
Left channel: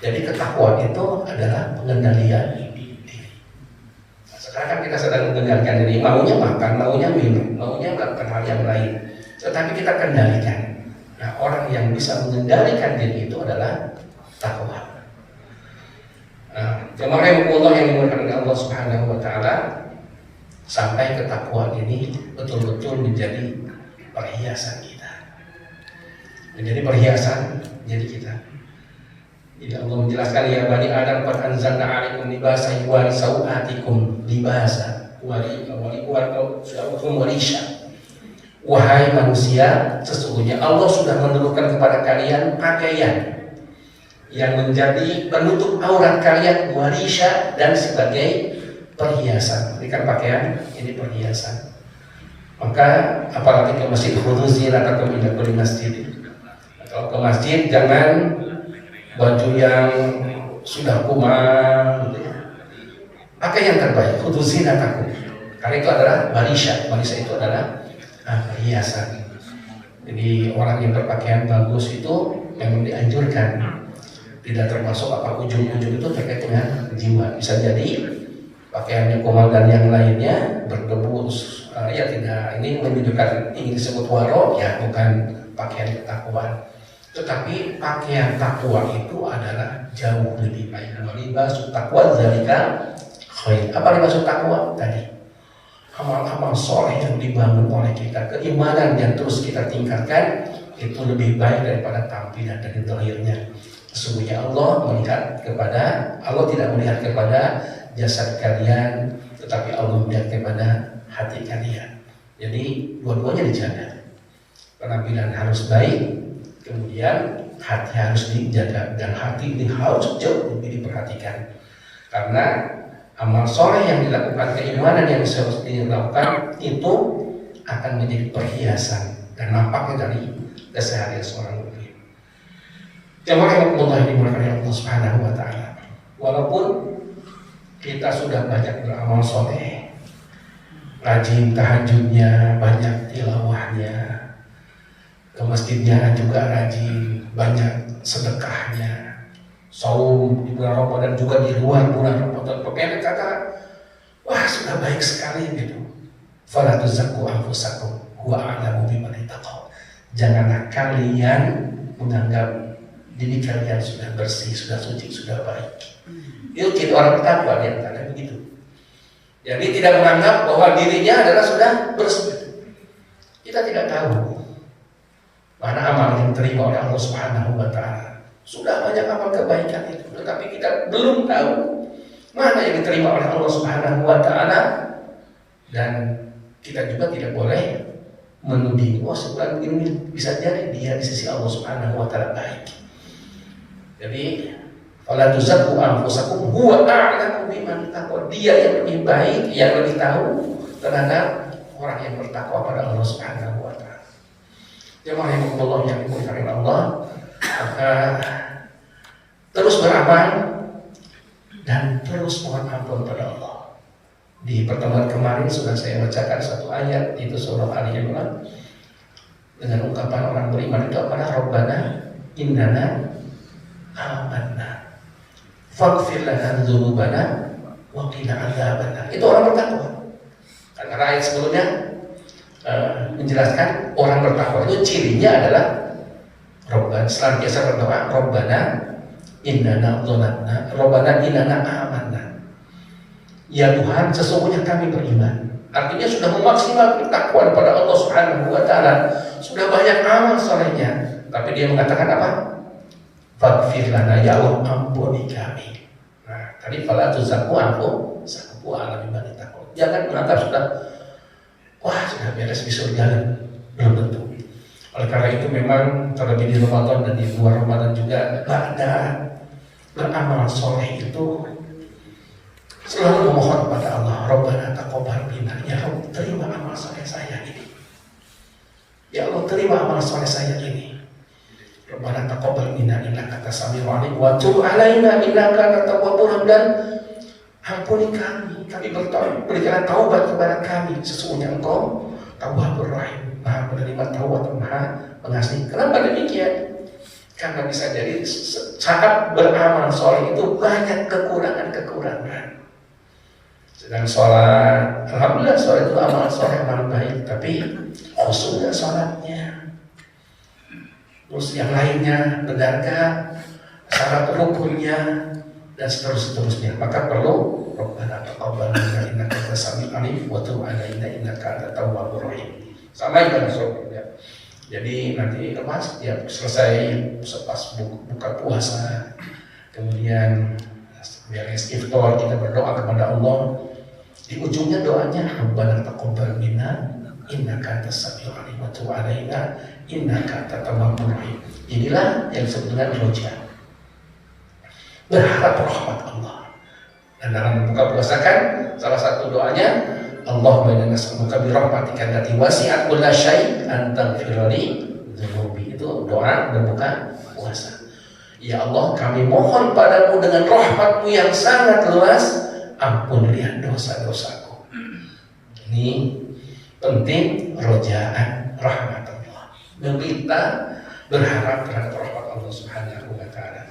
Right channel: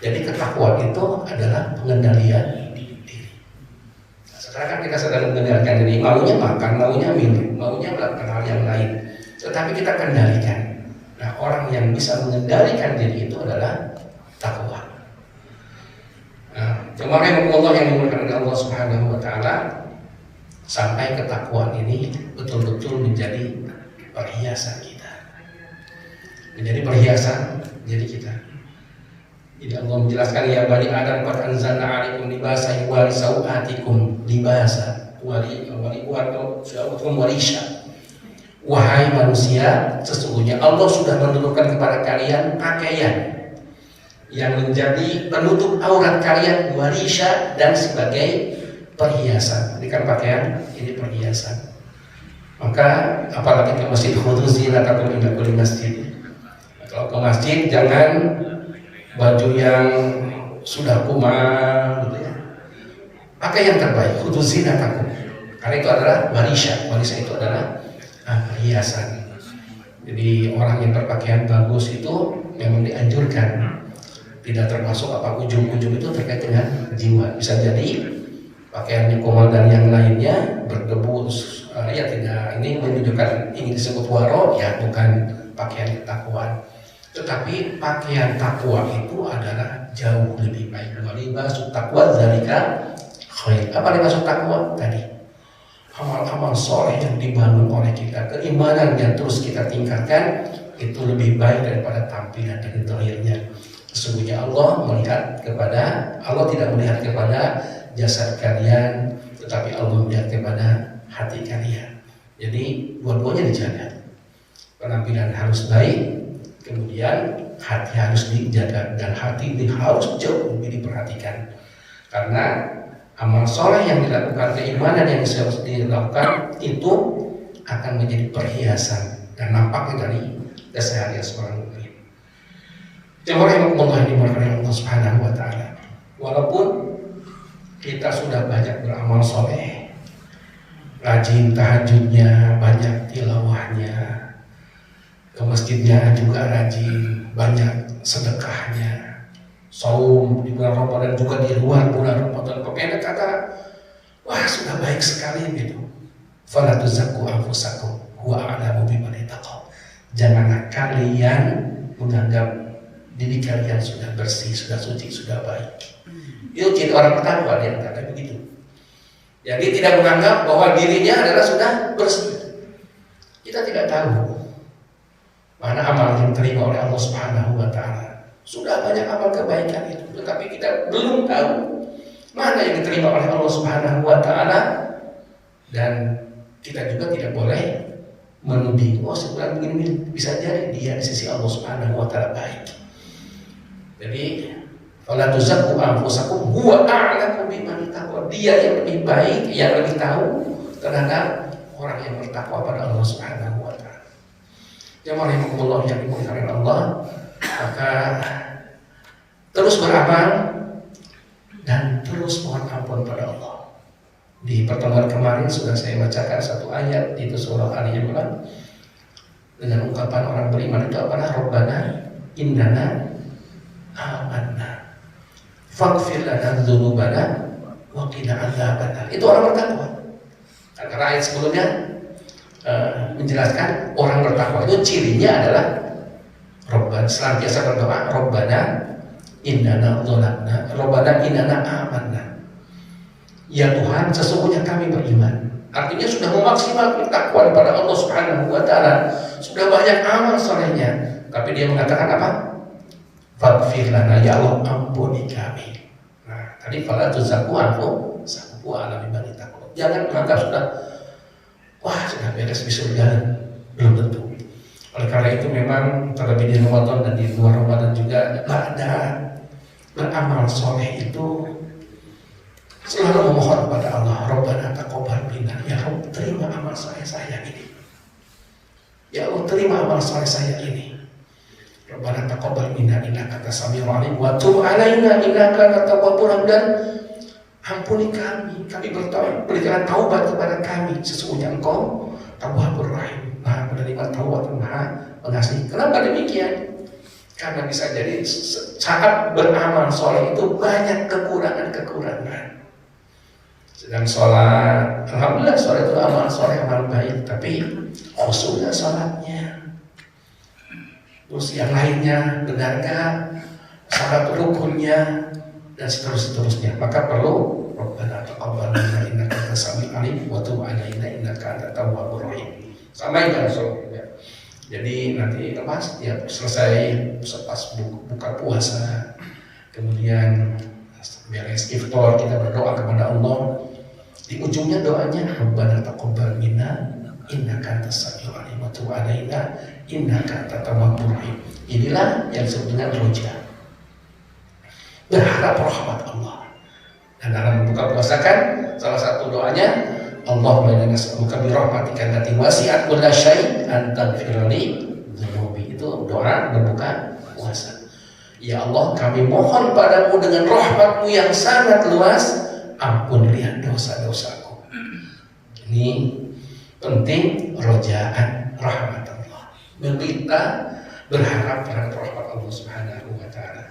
Jadi ketakwaan itu adalah pengendalian diri. Sekarang kan kita sedang mengendalikan diri, maunya makan, maunya minum, maunya melakukan hal yang lain, tetapi kita kendalikan. Nah, orang yang bisa mengendalikan diri itu adalah takwa. Jemaah yang dimuliakan oleh Allah Subhanahu wa ta'ala, sampai ketakwaan ini betul-betul menjadi perhiasan kita, menjadi perhiasan jadi kita. Jadi Allah menjelaskan, ya bani Adam qad anzalna 'alaikum libasan yuwari sawatikum libasa warisha. Wahai manusia, sesungguhnya Allah sudah menurunkan kepada kalian pakaian yang menjadi penutup aurat kalian, warisha, dan sebagai perhiasan. Berikan pakaian ini perhiasan. Maka apalagi ke masjid, khudhu zinatakum inda kulli masjid. Kalau ke masjid jangan baju yang sudah kumal, gitu ya. Pakai yang terbaik, khudhu zinatakum. Karena itu adalah warisha. Warisha itu adalah perhiasan. Jadi orang yang berpakaian bagus itu yang dianjurkan. Tidak termasuk apa ujung-ujung itu terkait dengan jiwa. Bisa jadi pakaiannya kumal dan yang lainnya berdebu, ya tidak, ini menunjukkan ingin disebut waro, ya bukan pakaian ketakwaan. Tetapi pakaian takwa itu adalah jauh lebih baik. Libasul taqwa dzalika khair. Apa libasul taqwa tadi? Amal-amal soleh yang dibangun oleh kita, keimanan yang terus kita tingkatkan, itu lebih baik daripada tampilan dan zahirnya. Sesungguhnya Allah tidak melihat kepada jasad kalian, tetapi Allah melihat kepada hati kalian. Jadi dua-duanya dijaga. penampilan harus baik, kemudian hati harus dijaga, dan hati ini harus jauh lebih diperhatikan, karena amal soleh yang dilakukan, keimanan yang harus dilakukan itu akan menjadi perhiasan dan nampaknya dari keseharian seorang mukmin. Jemaah yang Allah dimurkai Allah Subhanahu wa taala. Walaupun kita sudah banyak beramal soleh, rajin tahajudnya, banyak tilawahnya, ke masjidnya juga rajin, banyak sedekahnya, saum di bulan Ramadan juga di luar bulan Ramadan. Pemilik kata, wah sudah baik sekali gitu. Fala tuzakku anfusakum huwa a'lamu biman ittaqaa. Janganlah kalian menganggap diri kalian sudah bersih, sudah suci, sudah baik. Itu ciri orang bertakwa, dia kata begitu. Jadi tidak menganggap bahwa dirinya adalah sudah bersih. Kita tidak tahu mana amal yang diterima oleh Allah Subhanahu wa taala. Sudah banyak amal kebaikan itu, tetapi kita belum tahu mana yang diterima oleh Allah Subhanahu wa taala, dan kita juga tidak boleh menuding, oh sebenarnya ini bisa jadi dia di sisi Allah Subhanahu wa taala baik. Jadi fala tuzakku anfusakum huwa a'lamu biman ittaqaa. Dia yang lebih baik, yang lebih tahu terhadap orang yang bertakwa pada Allah Subhanahu wa taala. Jemaah Allah yang dimuliakan Allah, maka terus beramal dan terus mohon ampun pada Allah. Di pertemuan kemarin sudah saya bacakan satu ayat, itu surah Ali Imran, dengan ungkapan orang beriman itu adalah Rabbana innana amanna faghfir lana dzunubana wa qina adzabannar. Itu orang bertakwa. Karena ayat sebelumnya menjelaskan orang bertakwa itu cirinya adalah Rabbana, senantiasa berdoa Rabbana innana dzalamna, Rabbana innana amanna. Ya Tuhan, sesungguhnya kami beriman. Artinya sudah memaksimalkan takwa kepada Allah Subhanahu wa taala, sudah banyak amal solehnya, tapi dia mengatakan apa? Faghfir lana, ya Allah ampuni kami. Nah, tadi fala tuzakku anfusakum wa a'lamu biman ittaqaa. Jangan menganggap sudah wah sudah beres bisa jalan, belum tentu. Oleh karena itu memang terlebih di Ramadan dan di luar Ramadan juga ada beramal soleh itu selalu memohon kepada Allah, Rabbana taqabbal minna, ya Allah terima amal soleh saya ini, ya Allah terima amal soleh saya ini, Rabbana taqabbal minna innaka antas samiul alim wa tub alaina innaka antat tawwabur rahim. Dan ampuni kami bertobat, berikan taubat kepada kami, sesungguhnya Engkau Tawwabur Rahim, Maha menerima taubat, Maha mengasihi. Kenapa demikian? Karena bisa jadi saat beramal soleh itu banyak kekurangan. Sedang sholat, alhamdulillah sholat itu amal soleh, amal baik, tapi khusyuknya sholatnya. Terus yang lainnya benarkah syarat rukunnya dan seterusnya. Maka perlu Rabbana taqabbal minna innaka antas samiul alim wa tub alaina innaka antat tawwabur rahim. Sama juga ya. Jadi nanti lepas ya selesai pas buka puasa, kemudian beres iftar kita berdoa kepada Allah. Di ujungnya doanya Rabbana taqabbal minna innaka antas samiul alim wa tub alaina innaka antat tawwabur rahim. Inilah yang sebetulnya roja, berharap rahmat Allah. Dan dalam buka puasa kan salah satu doanya Allahumma inna nas'aluka bi rahmatika allati wasi'at kulla syai' an taghfir li dzunubi. Itu doa berbuka puasa. Ya Allah, kami mohon padamu dengan rahmat-Mu yang sangat luas, ampunilah dosa-dosaku. Ini penting, rojaan rahmat Allah. Meminta, berharap terhadap rahmat Allah Subhanahu wa taala.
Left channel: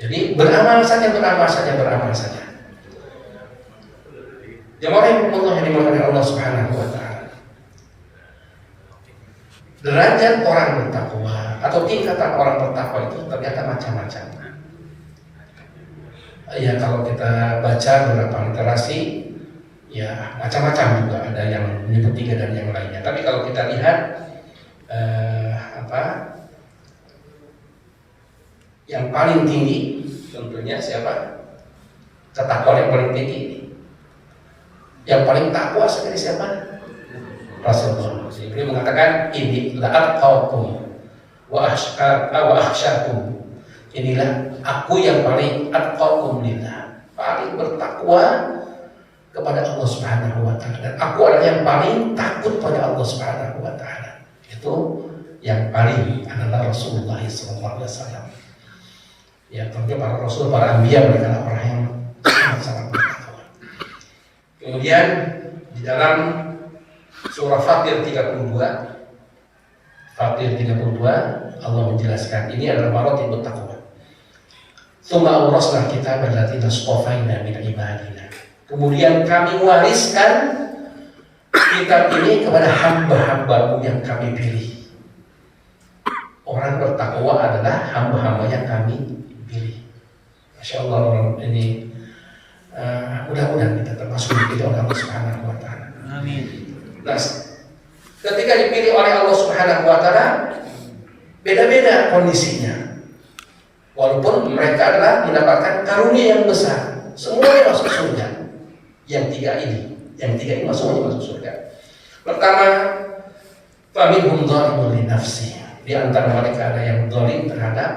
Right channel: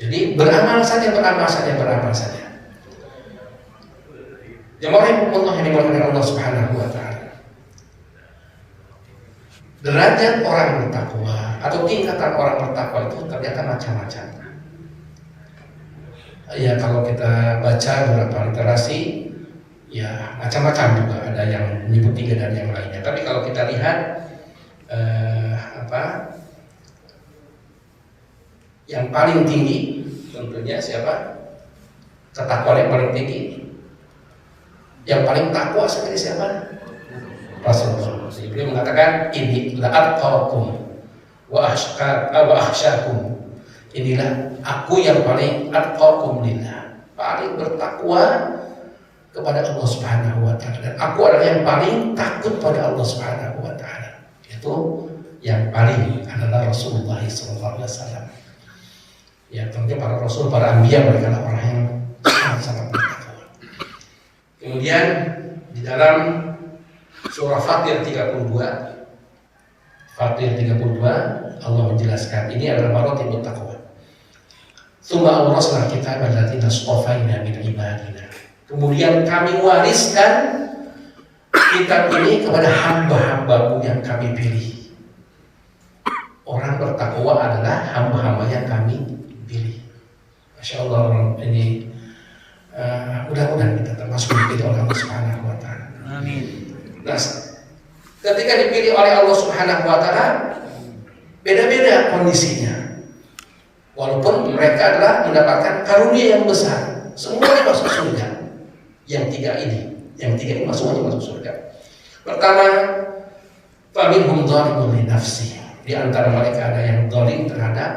Jadi beramal saja. Jemaah yang dimulakan Allah Subhanahu wa taala. Derajat orang bertakwa atau tingkatan orang bertakwa itu ternyata macam-macam. Ya kalau kita baca beberapa literasi, ya macam-macam juga, ada yang menyebut 3 dan yang lainnya. Tapi kalau kita lihat yang paling tinggi tentunya siapa? Ketakwaan yang paling tinggi. Yang paling takwa sebenarnya siapa? Rasulullah. Beliau mengatakan ini la atqakum wa akhsyakum. Inilah aku yang paling atqakum lillah, paling bertakwa kepada Allah Subhanahu wa taala, dan aku adalah yang paling takut pada Allah Subhanahu wa taala. Itu yang paling adalah Rasulullah SAW. Ya, tentunya para rasul, para anbiya, mereka adalah orang yang sangat bertakwa. Kemudian di dalam surah Fatir 32 Allah menjelaskan ini adalah maratibut taqwa. Tsumma awrasna kitabal ladzina istafaina min ibadina. Kemudian kami wariskan kitab ini kepada hamba-hambamu yang kami pilih. Orang bertakwa adalah hamba-hamba yang kami pilih. Masya Allah, ini mudah-mudahan kita termasuk dipilih oleh Allah Subhanahu wa taala. Amin. Nah, ketika dipilih oleh Allah Subhanahu wa taala, beda-beda kondisinya. Walaupun mereka adalah mendapatkan karunia yang besar, semuanya masuk surga. Yang tiga ini semuanya masuk surga. Pertama, faminhum dzalimun li nafsihi. Di antara mereka ada yang zalim terhadap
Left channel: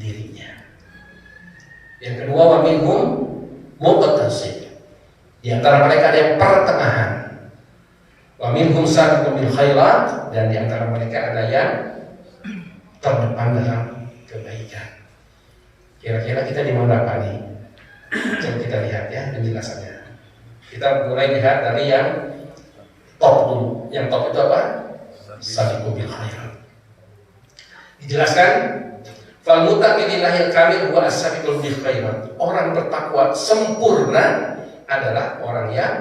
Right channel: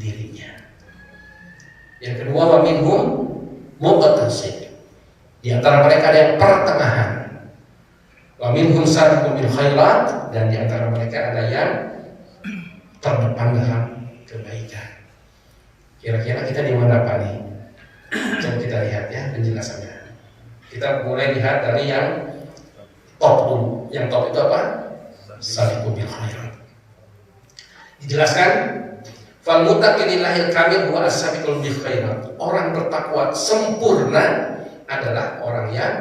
dirinya. Yang kedua, waminhum muqtasid. Di antara mereka ada yang pertengahan. Waminhum sabiqun bil khairat, dan di antara mereka ada yang terdepan dalam kebaikan. Kira-kira kita di mana Pak nih? Coba kita lihat ya penjelasannya. Kita mulai lihat dari yang top dulu. Yang top itu apa? Sabiqun bil khairat. Dijelaskan, fal muttaqin lillahil kamil huwa as-sabiqul bil khairat. Orang bertakwa sempurna adalah orang yang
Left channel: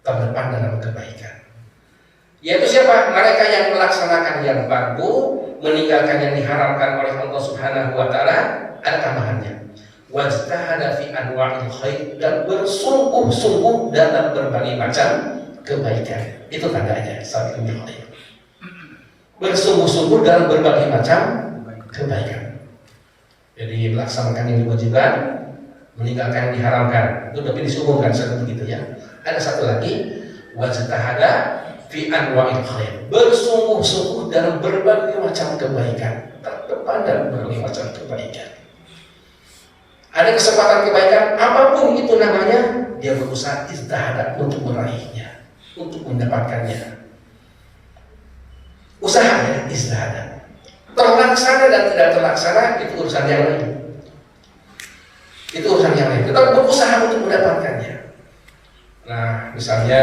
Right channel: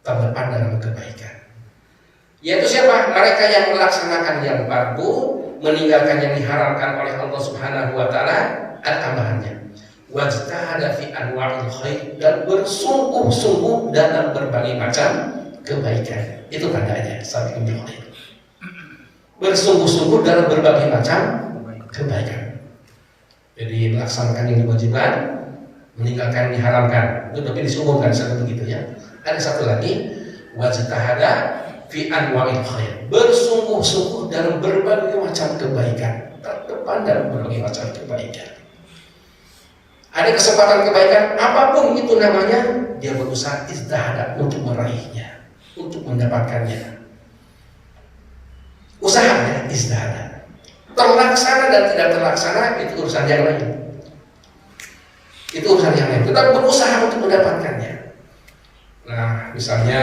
terdepan dalam kebaikan. Yaitu siapa? Mereka yang melaksanakan yang fardu, meninggalkan yang diharamkan oleh Allah Subhanahu wa taala. Ada tambahannya, wajtahada fi anwa'il khair, dan bersungguh-sungguh dalam berbagai macam kebaikan. Itu tandanya sabiqul bil khairat. Bersungguh-sungguh dalam berbagai macam kebaikan. Jadi melaksanakan yang diwajibkan, meninggalkan yang diharamkan. Itu lebih disungguhkan seperti itu ya. Ada satu lagi, wajtahada fi anwa'il khair. Bersungguh-sungguh dalam berbagai macam kebaikan. Terdepan dalam berbagai macam kebaikan. Ada kesempatan kebaikan apapun itu namanya, dia berusaha istihada untuk meraihnya, untuk mendapatkannya. Usaha ya, istihada. Terlaksana dan tidak terlaksana itu urusan yang lain. Itu urusan yang lain. Kita berusaha untuk mendapatkannya. Nah, misalnya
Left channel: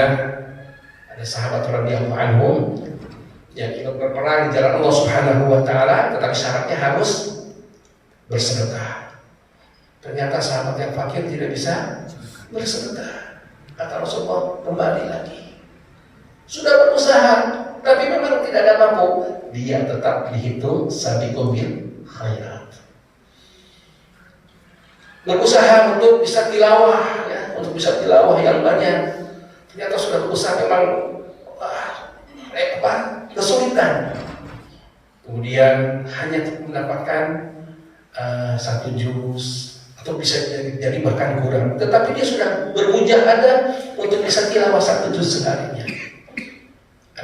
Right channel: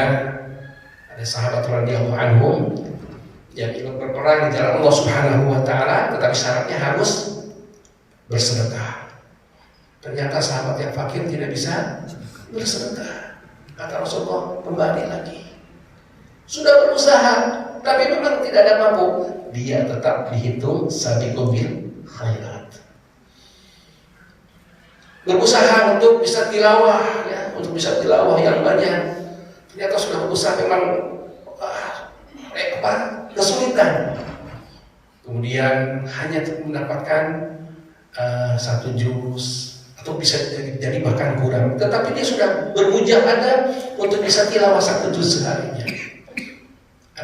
ada sahabat radhiyallahu anhum yang ikut berperang di jalan Allah Subhanahu wa taala, tetapi syaratnya harus bersedekah. Ternyata sahabat yang fakir tidak bisa bersedekah. Kata Rasulullah, kembali lagi. Sudah berusaha, tapi memang tidak ada mampu. Dia tetap dihitung sabiqun bil khairat. Berusaha untuk bisa tilawah, ya, untuk bisa tilawah yang banyak. Ternyata sudah berusaha memang kesulitan. Kemudian hanya mendapatkan satu juz, atau bisa jadi bahkan kurang. Tetapi dia sudah bermujahadah untuk bisa tilawah satu juz seharinya.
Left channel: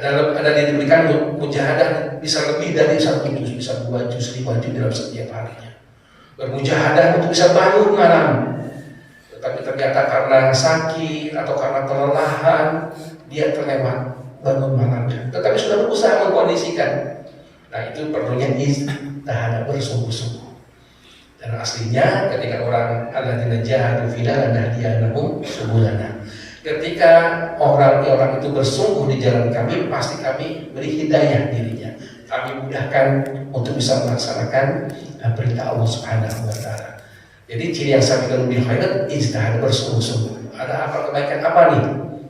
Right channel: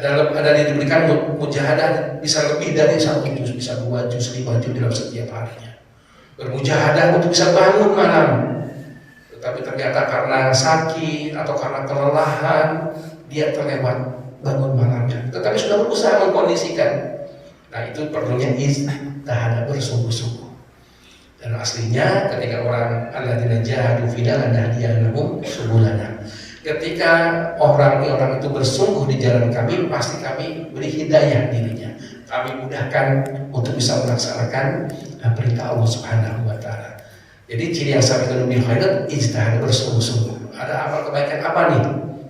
Ada yang diberikan mujahadah bisa lebih dari satu juz, bisa 2 juz, 5 juz dalam setiap harinya. Bermujahadah untuk bisa bangun malam. Tetapi ternyata karena sakit atau karena kelelahan, dia terlewat bangun malamnya. Tetapi sudah berusaha mengkondisikan. Nah, itu perlunya istihada, bersungguh-sungguh. Dan aslinya ketika orang alladzina jahadu fina lanahdiyannahum subulana. Ketika orang itu bersungguh di jalan kami, pasti kami beri hidayah dirinya. Kami mudahkan untuk bisa melaksanakan perintah Allah Subhanahu wa taala. Jadi ciri yang sabiqun bil khairat, ijtihad, bersungguh-sungguh. Ada apa kebaikan apa nih?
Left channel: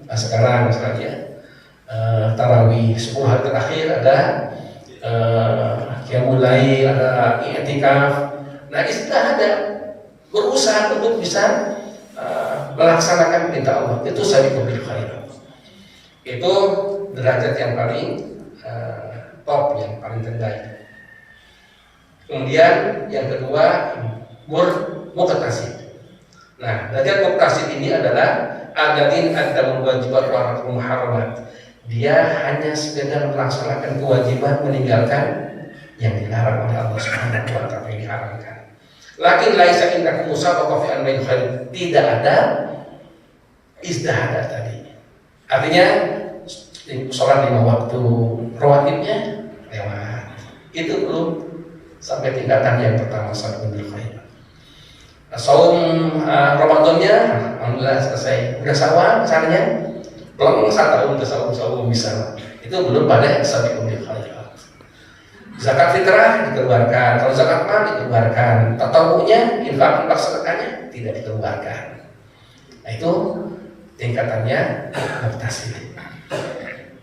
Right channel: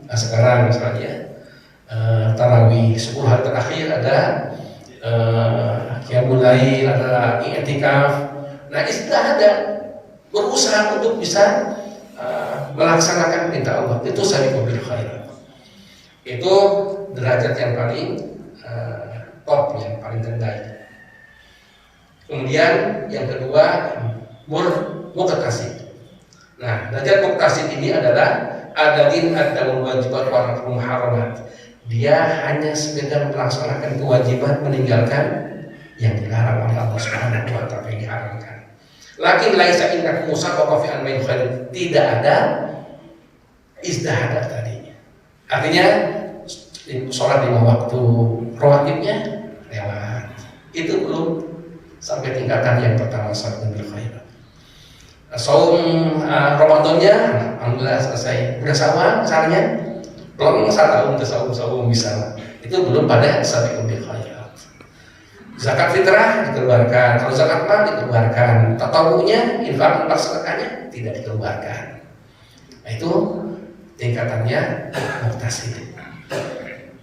Nah, sekarang misalnya tarawih 10 hari terakhir ada qiyamul lail, ada i'tikaf. Nah, ijtihad, berusaha untuk bisa melaksanakan perintah Allah. Itu sabiqun bil khairat. Itu derajat yang paling top, yang paling terbaik. Kemudian yang kedua, muqtasid. Nah, derajat muqtasid ini adalah adadin ad-dawul wajibat wa muharramat. Dia hanya sekedar melaksanakan kewajiban, meninggalkan yang dilarang oleh Allah Subhanahu wa taala, yang diharamkan. Lakin laisa indakum musabaqah fi al khair. Tidak ada izdihad tadi. Artinya sholat 5 waktu rawatibnya lewat. Itu belum sampai tingkatan yang pertama sabiqun bil khairat. Saum Ramadannya alhamdulillah selesai. Udah sawal misalnya, belum 1 tahun ke saum misal. Itu belum pada sabiqun bil khairat. Zakat fitrah dikeluarkan, kalau zakat mal dikeluarkan, tatawunya, infak sedekahnya tidak dikeluarkan. Nah itu tingkatannya muktasid.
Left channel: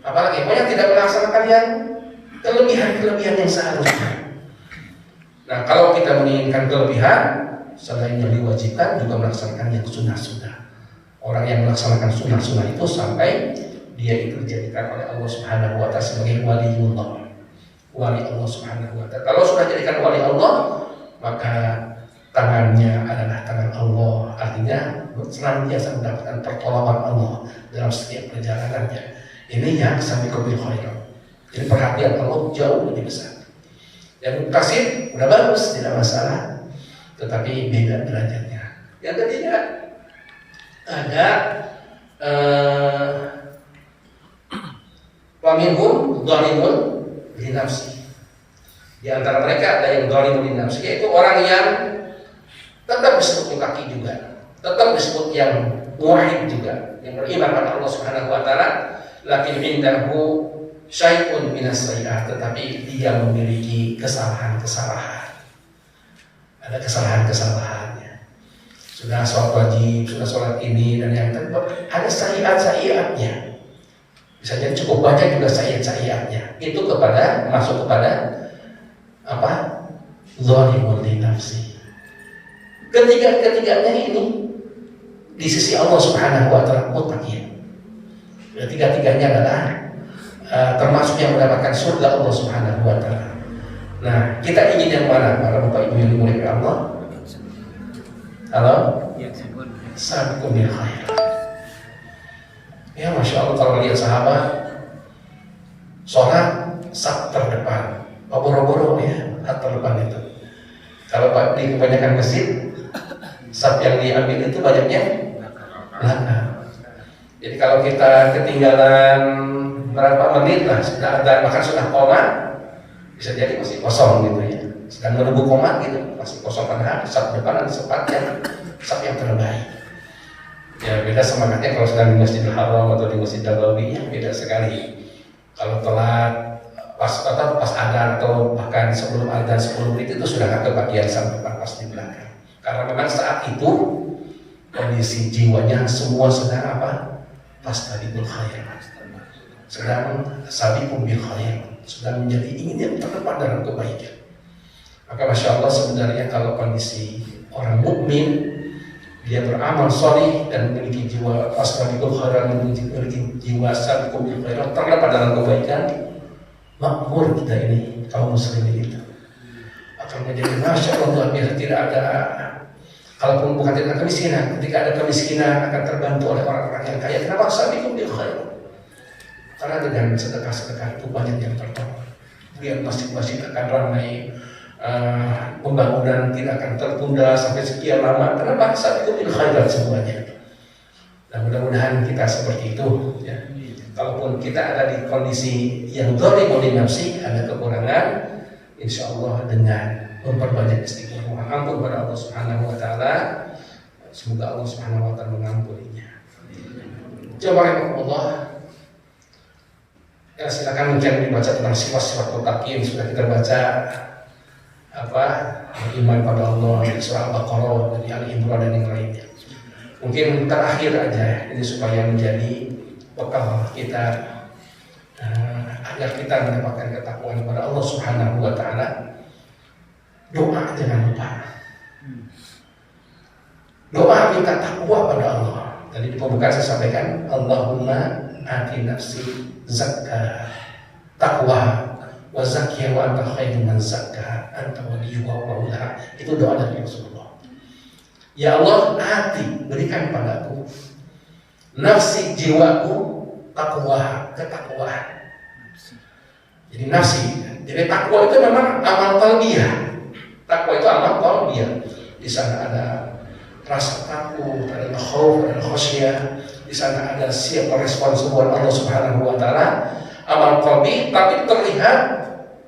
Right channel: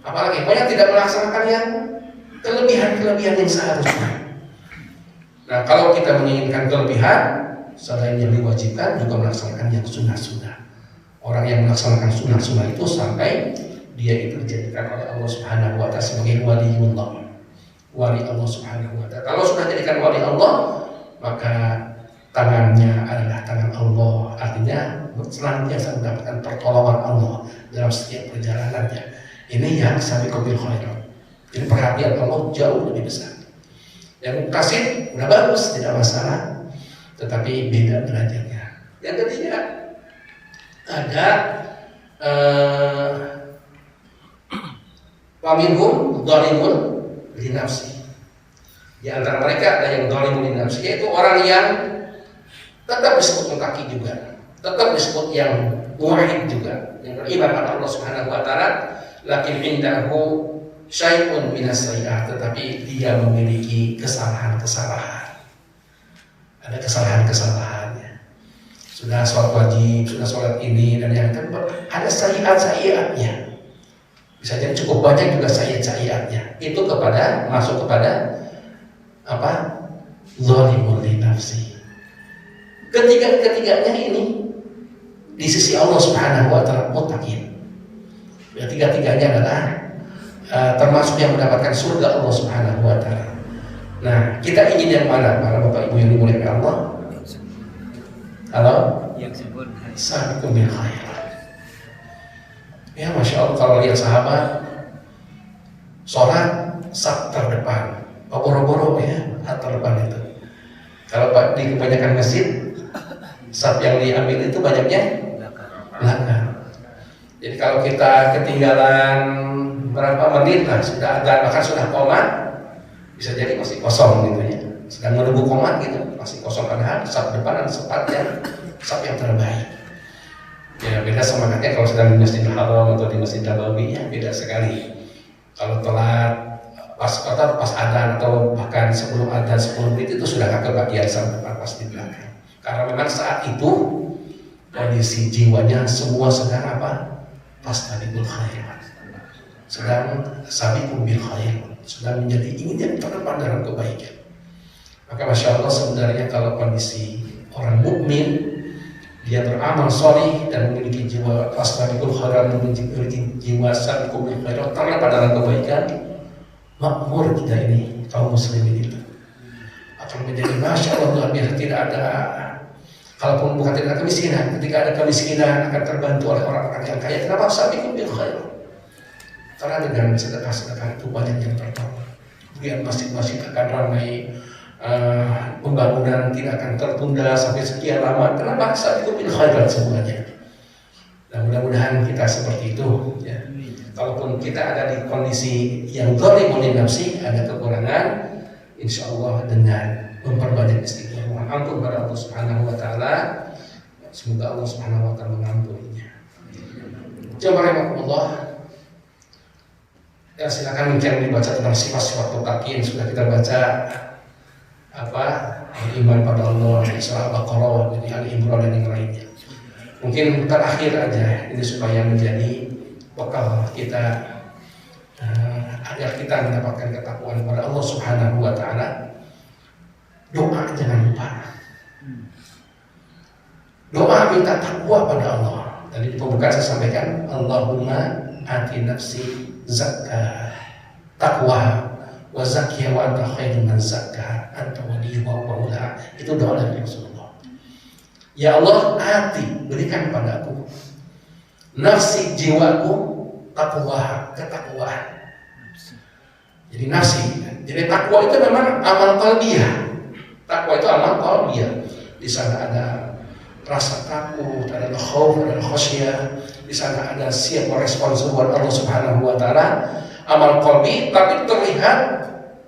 Apalagi banyak tidak melaksanakan yang kelebihan yang seharusnya. Nah kalau kita menginginkan kelebihan, selain yang diwajibkan juga melaksanakan yang sunnah-sunnah. Orang yang melaksanakan sunnah-sunnah itu sampai dia itu dijadikan oleh Allah Subhanahu wa taala sebagai waliullah, wali Allah Subhanahu wa taala. Kalau sudah jadikan wali Allah, maka tangannya adalah tangan Allah, artinya senantiasa mendapatkan pertolongan Allah dalam setiap perjalanannya. Ini yang sabiqun bil khairat. Jadi perhatian Allah jauh lebih besar. Yang muktasid udah bagus, tidak masalah, tetapi beda derajatnya. Yang ketiga ada paminhum dhalimun li nafsi. Di antara mereka ada yang dhalimun li nafsi, yaitu orang yang tetap disebut mutaqi juga, tetap disebut yang muwahhid juga, yang beriman pada Allah Subhanahu wa taala, lakin indahu syai'un minas sayyi'at, tetapi dia memiliki kesalahan-kesalahan. Ada kesalahan-kesalahannya. Sudah sholat wajib, sudah sholat ini dan yang ada sayyi'at-sayyi'atnya. Bisa jadi cukup banyak juga sayyi'at-sayyi'atnya. Itu masuk kepada apa? Zalimun li nafsi. Ketiganya ini di sisi Allah Subhanahu wa taala muttaqin. Tiga-tiganya adalah termasuk yang mendapatkan surga Allah Subhanahu wa taala. Nah, kita ingin yang mana? Para Bapak Ibu yang dimuliakan Allah. Halo? Sabiqun bil khairat. Ya Masya Allah, kalau lihat sahabat sholat saf terdepan, boro-boro ya, terdepan itu. Kalau di kebanyakan masjid, saf yang diambil itu banyaknya belakang. Jadi kalau kita ketinggalan berapa menit lah, sudah ada bahkan sudah koma, bisa jadi masih kosong gitu ya. Sedang menunggu koma gitu, masih kosong karena saf depan ada saf yang terbaik. Ya beda semangatnya kalau sedang di Masjidil Haram atau di Masjid Nabawi, ya beda sekali. Kalau telat pas adzan atau bahkan sebelum adzan 10 menit itu sudah nggak kebagian sampai pas di belakang. Karena memang saat itu kondisi jiwanya semua sedang apa? Fastabiqul khairat. Sedang sabiqun bil khairat, sedang menjadi ingin yang terdepan dalam kebaikan. Maka Masya Allah sebenarnya kalau kondisi orang mukmin, dia beramal sholih dan memiliki jiwa fastabiqul khairat, memiliki jiwa sabiqun bil khairat, terdapat dalam kebaikan, makmur kita ini kaum muslimin itu akan menjadi Masya Allah luar biasa. Tidak ada, kalaupun bukan tidak ada kemiskinan, ketika ada kemiskinan akan terbantu oleh orang-orang yang kaya. Kenapa? Sabiqun bil khairat. Karena dengan sedekah-sedekah itu banyak yang tertolong. Kemudian masjid-masjid akan ramai, pembangunan tidak akan tertunda sampai sekian lama. Kenapa? Sabiqun bil khairat semuanya. Dan mudah-mudahan kita seperti itu ya. Kalaupun kita ada di kondisi yang dzalimun li nafsi, ada kekurangan, insya Allah dengan memperbanyak istighfar, mohon ampun kepada Allah Subhanahu wa taala, semoga Allah Subhanahu wa taala mengampuninya. Coba Allah, ya silakan mungkin dibaca tentang sifat-sifat muttaqin. Sudah kita baca iman pada Allah dari surah Al-Baqarah, dari Al-Imran dan yang lainnya. Mungkin terakhir aja ini supaya menjadi bekal kita agar kita mendapatkan ketakwaan kepada Allah Subhanahu wa taala. Doa jangan lupa. Doa minta takwa pada Allah. Tadi di pembukaan saya sampaikan, Allahumma ati nafsi zakka taqwa wa zakkiha wa anta khairu man zakkaha anta waliyuha wa maulaha. Itu doa dari Rasulullah. Ya Allah, hati berikan padaku nafsi, jiwaku, takwa, ketakwaan. Jadi nafsi. Jadi takwa itu memang amal qalbiyah. Takwa itu amal qalbiyah. Di sana ada rasa takut, ada khauf, ada khasyah. Di sana ada siap merespons buat Allah Subhanahu wa taala. Amal qalbi tapi terlihat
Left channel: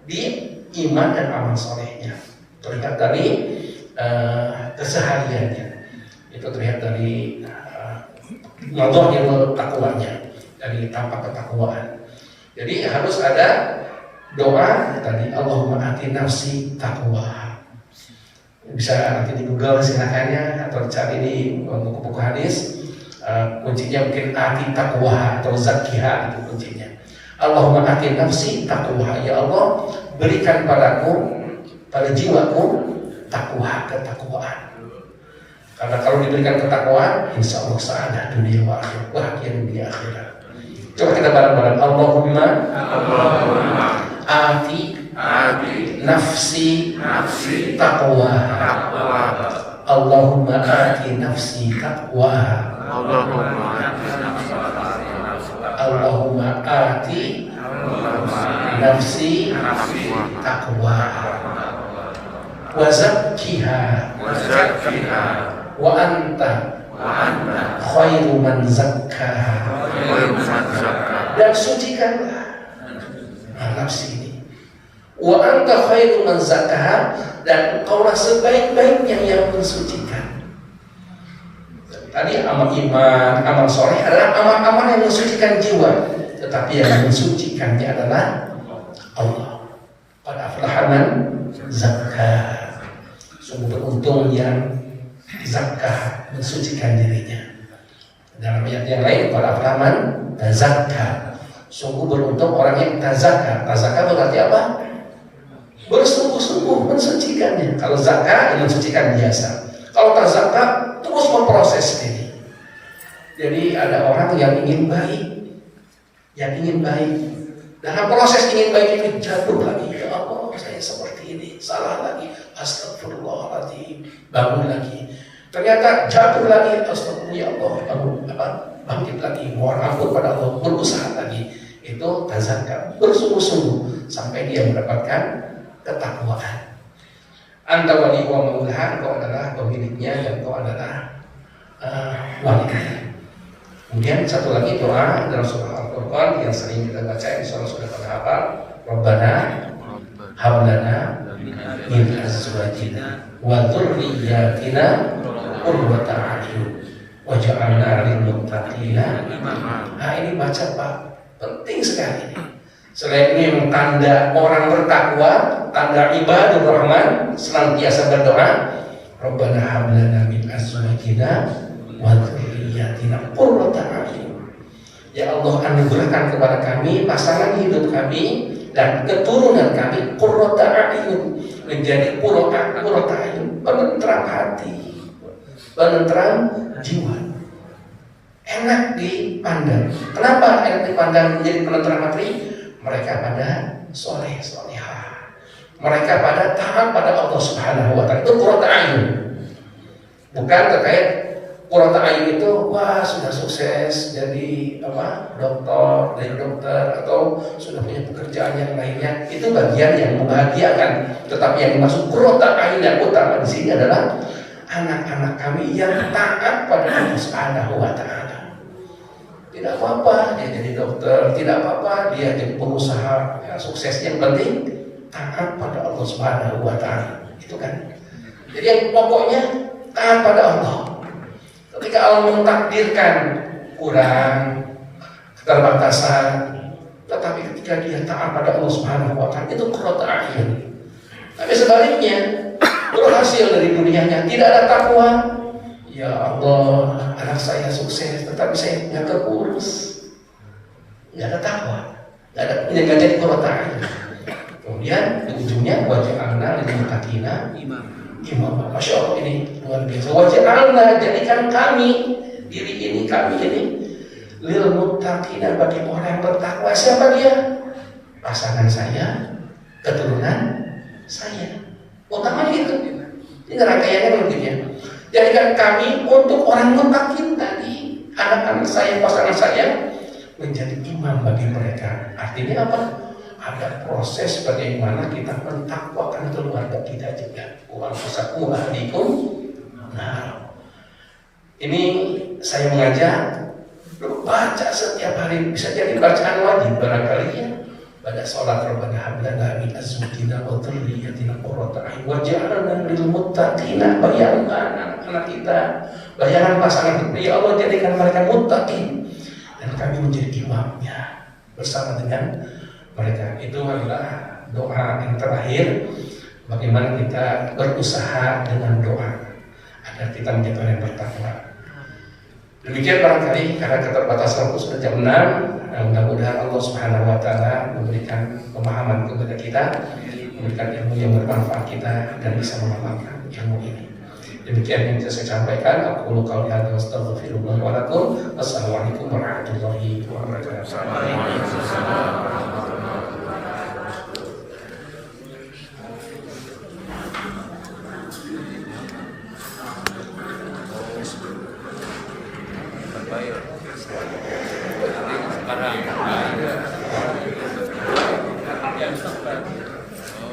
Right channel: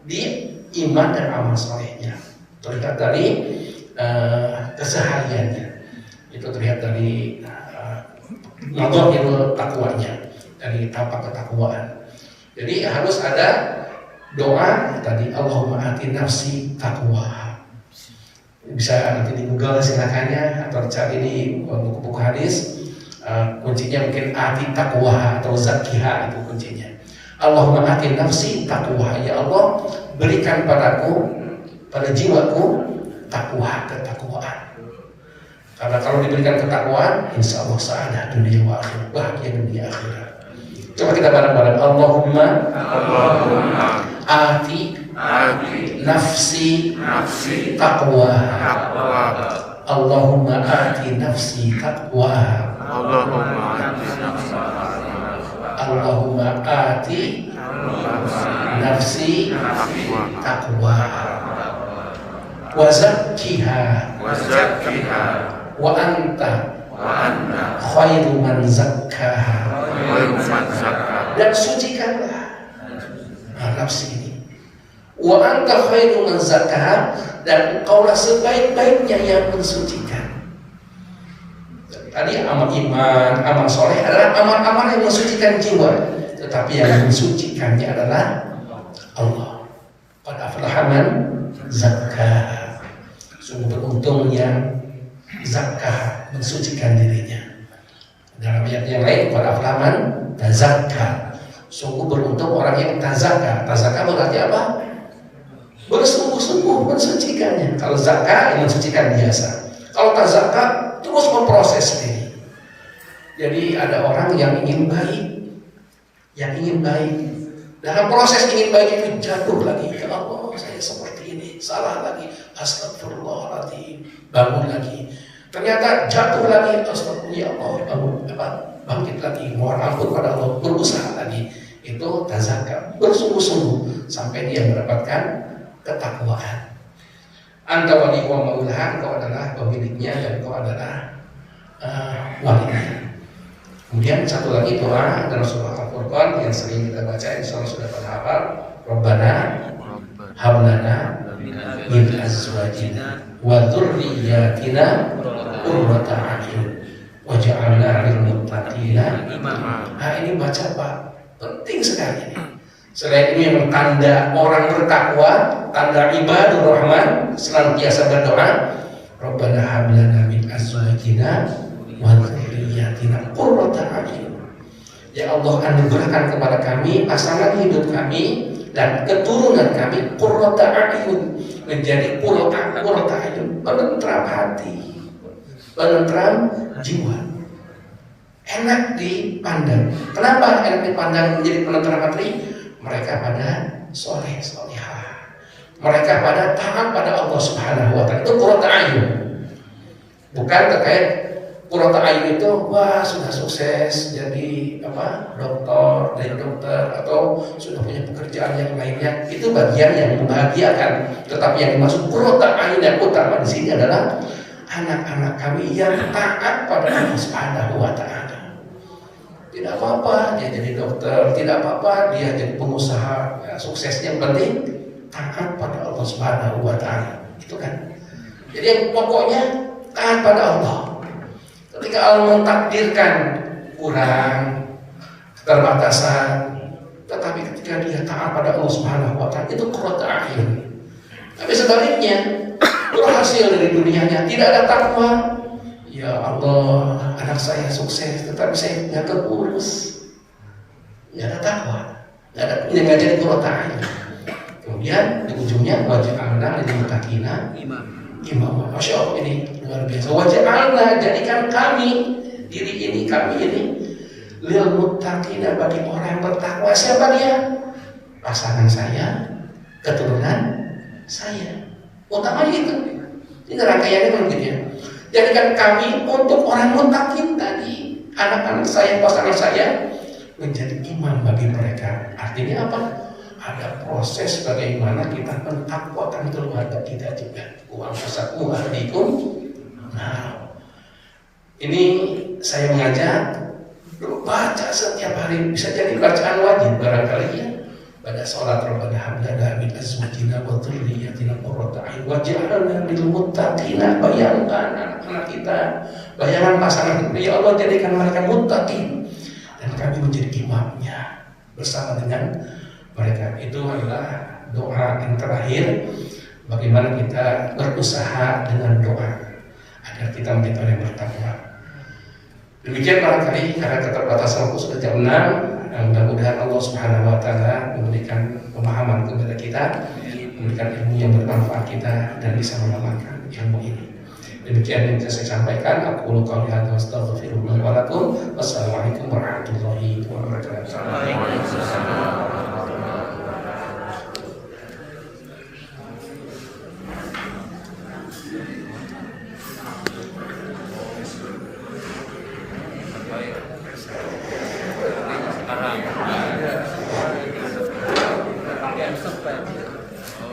di iman dan amal salehnya. Terlihat dari kesehariannya. Itu terlihat dari nadhahirul takwanya, dari tampak ketakwaan. Jadi harus ada doa tadi, Allahumma ati nafsi taqwa. Bisa nanti di Google silakan ya, atau cari di buku-buku hadis. Kuncinya mungkin ati taqwa atau zakkiha, itu kuncinya. Allahumma ati nafsi taqwa, ya Allah berikan padaku, pada jiwaku takwa, ketakwaan. Karena kalau diberikan ketakwaan, insya Allah sa'adah dunia wa akhirat, bahagia dunia akhirat. Coba kita bareng-bareng. Allahumma ati nafsi taqwa. Allahumma ati nafsi taqwa. Allahumma ati nafsi taqwa. Wa zakkiha wa anta khairu man zakkaha. Dan sucikanlah nafsi ini. Wa anta khairu man zakkaha, dan engkaulah sebaik-baiknya yang mensucikan. Tadi amal iman, amal soleh adalah amal-amal yang mensucikan jiwa, tetapi yang mensucikannya adalah Allah. Qad aflaha man zakkaha. Sungguh beruntung yang zakah, mensucikan dirinya. Dalam ayat yang lain, para aflaman tazakka. Sungguh beruntung orang yang tazakka. Tazakka berarti apa? Bersungguh-sungguh mensucikannya. Kalau zakah, ini mensucikan biasa. Kalau tazakka, terus memproses diri. Jadi ada orang yang ingin baik, dalam proses ingin baik itu jatuh lagi. Ya Allah, saya seperti ini, salah lagi. Astagfirullahaladzim, bangun lagi. Ternyata jatuh lagi, astagfirullah, ya Allah, bangkit lagi, mohon ampun pada Allah, berusaha lagi. Itu tazakka, bersungguh-sungguh sampai dia mendapatkan ketakwaan. Anta wali wa maulaha, engkau adalah pemiliknya dan engkau adalah walinya. Kemudian satu lagi doa dalam surah Al-Furqan yang sering kita baca, insyaallah sudah pada hafal. Rabbana hablana min azwajina wa dzurriyyatina qurrata a'yun waj'alna lil muttaqina imama. Nah, ini baca Pak, penting sekali ini. Selain ini yang tanda orang bertakwa, tanda ibadur rahman, senantiasa berdoa, Rabbana hablana min azwajina wa dzurriyyatina qurrata a'yun. Ya Allah, anugerahkan kepada kami pasangan hidup kami dan keturunan kami qurrata a'yun, menjadi qurrata a'yun, penentram hati, penentram jiwa, enak dipandang. Kenapa enak dipandang menjadi penentram hati? Mereka pada soleh solehah, mereka pada taat pada Allah Subhanahu wa taala. Itu qurrata a'yun. Bukan terkait qurrata a'yun itu wah sudah sukses jadi dokter atau sudah punya pekerjaan yang lainnya. Itu bagian yang membahagiakan. Tetapi yang dimaksud qurrata a'yun yang utama di sini adalah anak-anak kami yang taat pada Allah Subhanahu wa taala. Tidak apa-apa dia jadi dokter, tidak apa-apa dia jadi pengusaha, ya, suksesnya yang penting taat pada Allah Subhanahu wa taala. Itu kan. Jadi yang pokoknya taat pada Allah. Ketika Allah mentakdirkan kurang, keterbatasan, tetapi ketika dia taat pada Allah Subhanahu wa taala, itu qurrata a'yun. Tapi sebaliknya, berhasil dari dunianya, tidak ada takwa. Ya Allah, anak saya sukses, tetapi saya nggak keurus, nggak ada takwa, nggak jadi qurrata a'yun. Kemudian di ujungnya waj'alna lil muttaqina imama. Masya Allah, ini luar biasa. Waj'alna, jadikan kami, diri ini, kami ini, lil muttaqina, bagi orang yang bertakwa. Siapa dia? Pasangan saya, keturunan saya. Utamanya itu. Ini rangkaiannya begitu ya. Jadikan kami untuk orang muttaqin tadi, anak-anak saya, pasangan saya, menjadi imam bagi mereka. Artinya apa? Ada proses bagaimana kita mentakwakan keluarga kita juga. Wa anfusakum wa ahlikum. Nah, ini saya mengajak baca setiap hari, bisa jadi bacaan wajib barangkali ya. Pada sholat Rabbana hab lana min azwajina wa dhurriyyatina qurrata a'yun waj'alna lil muttaqina, bayangkan anak kita, bayangan pasangan kita, ya Allah jadikan mereka muttaqin dan kami menjadi imamnya bersama dengan mereka. Itu adalah doa yang terakhir, bagaimana kita berusaha dengan doa agar kita menjadi orang yang bertakwa. Demikian barangkali karena keterbatasan waktu sudah jam 6. Mudah-mudahan Allah Subhanahu wa taala memberikan pemahaman kepada kita, memberikan ilmu yang bermanfaat kita dan bisa mengamalkan ilmu ini. Demikian yang bisa saya sampaikan. Aku qouli hadza wa astaghfirullah wa lakum. Wassalamualaikum warahmatullahi wabarakatuh. Karena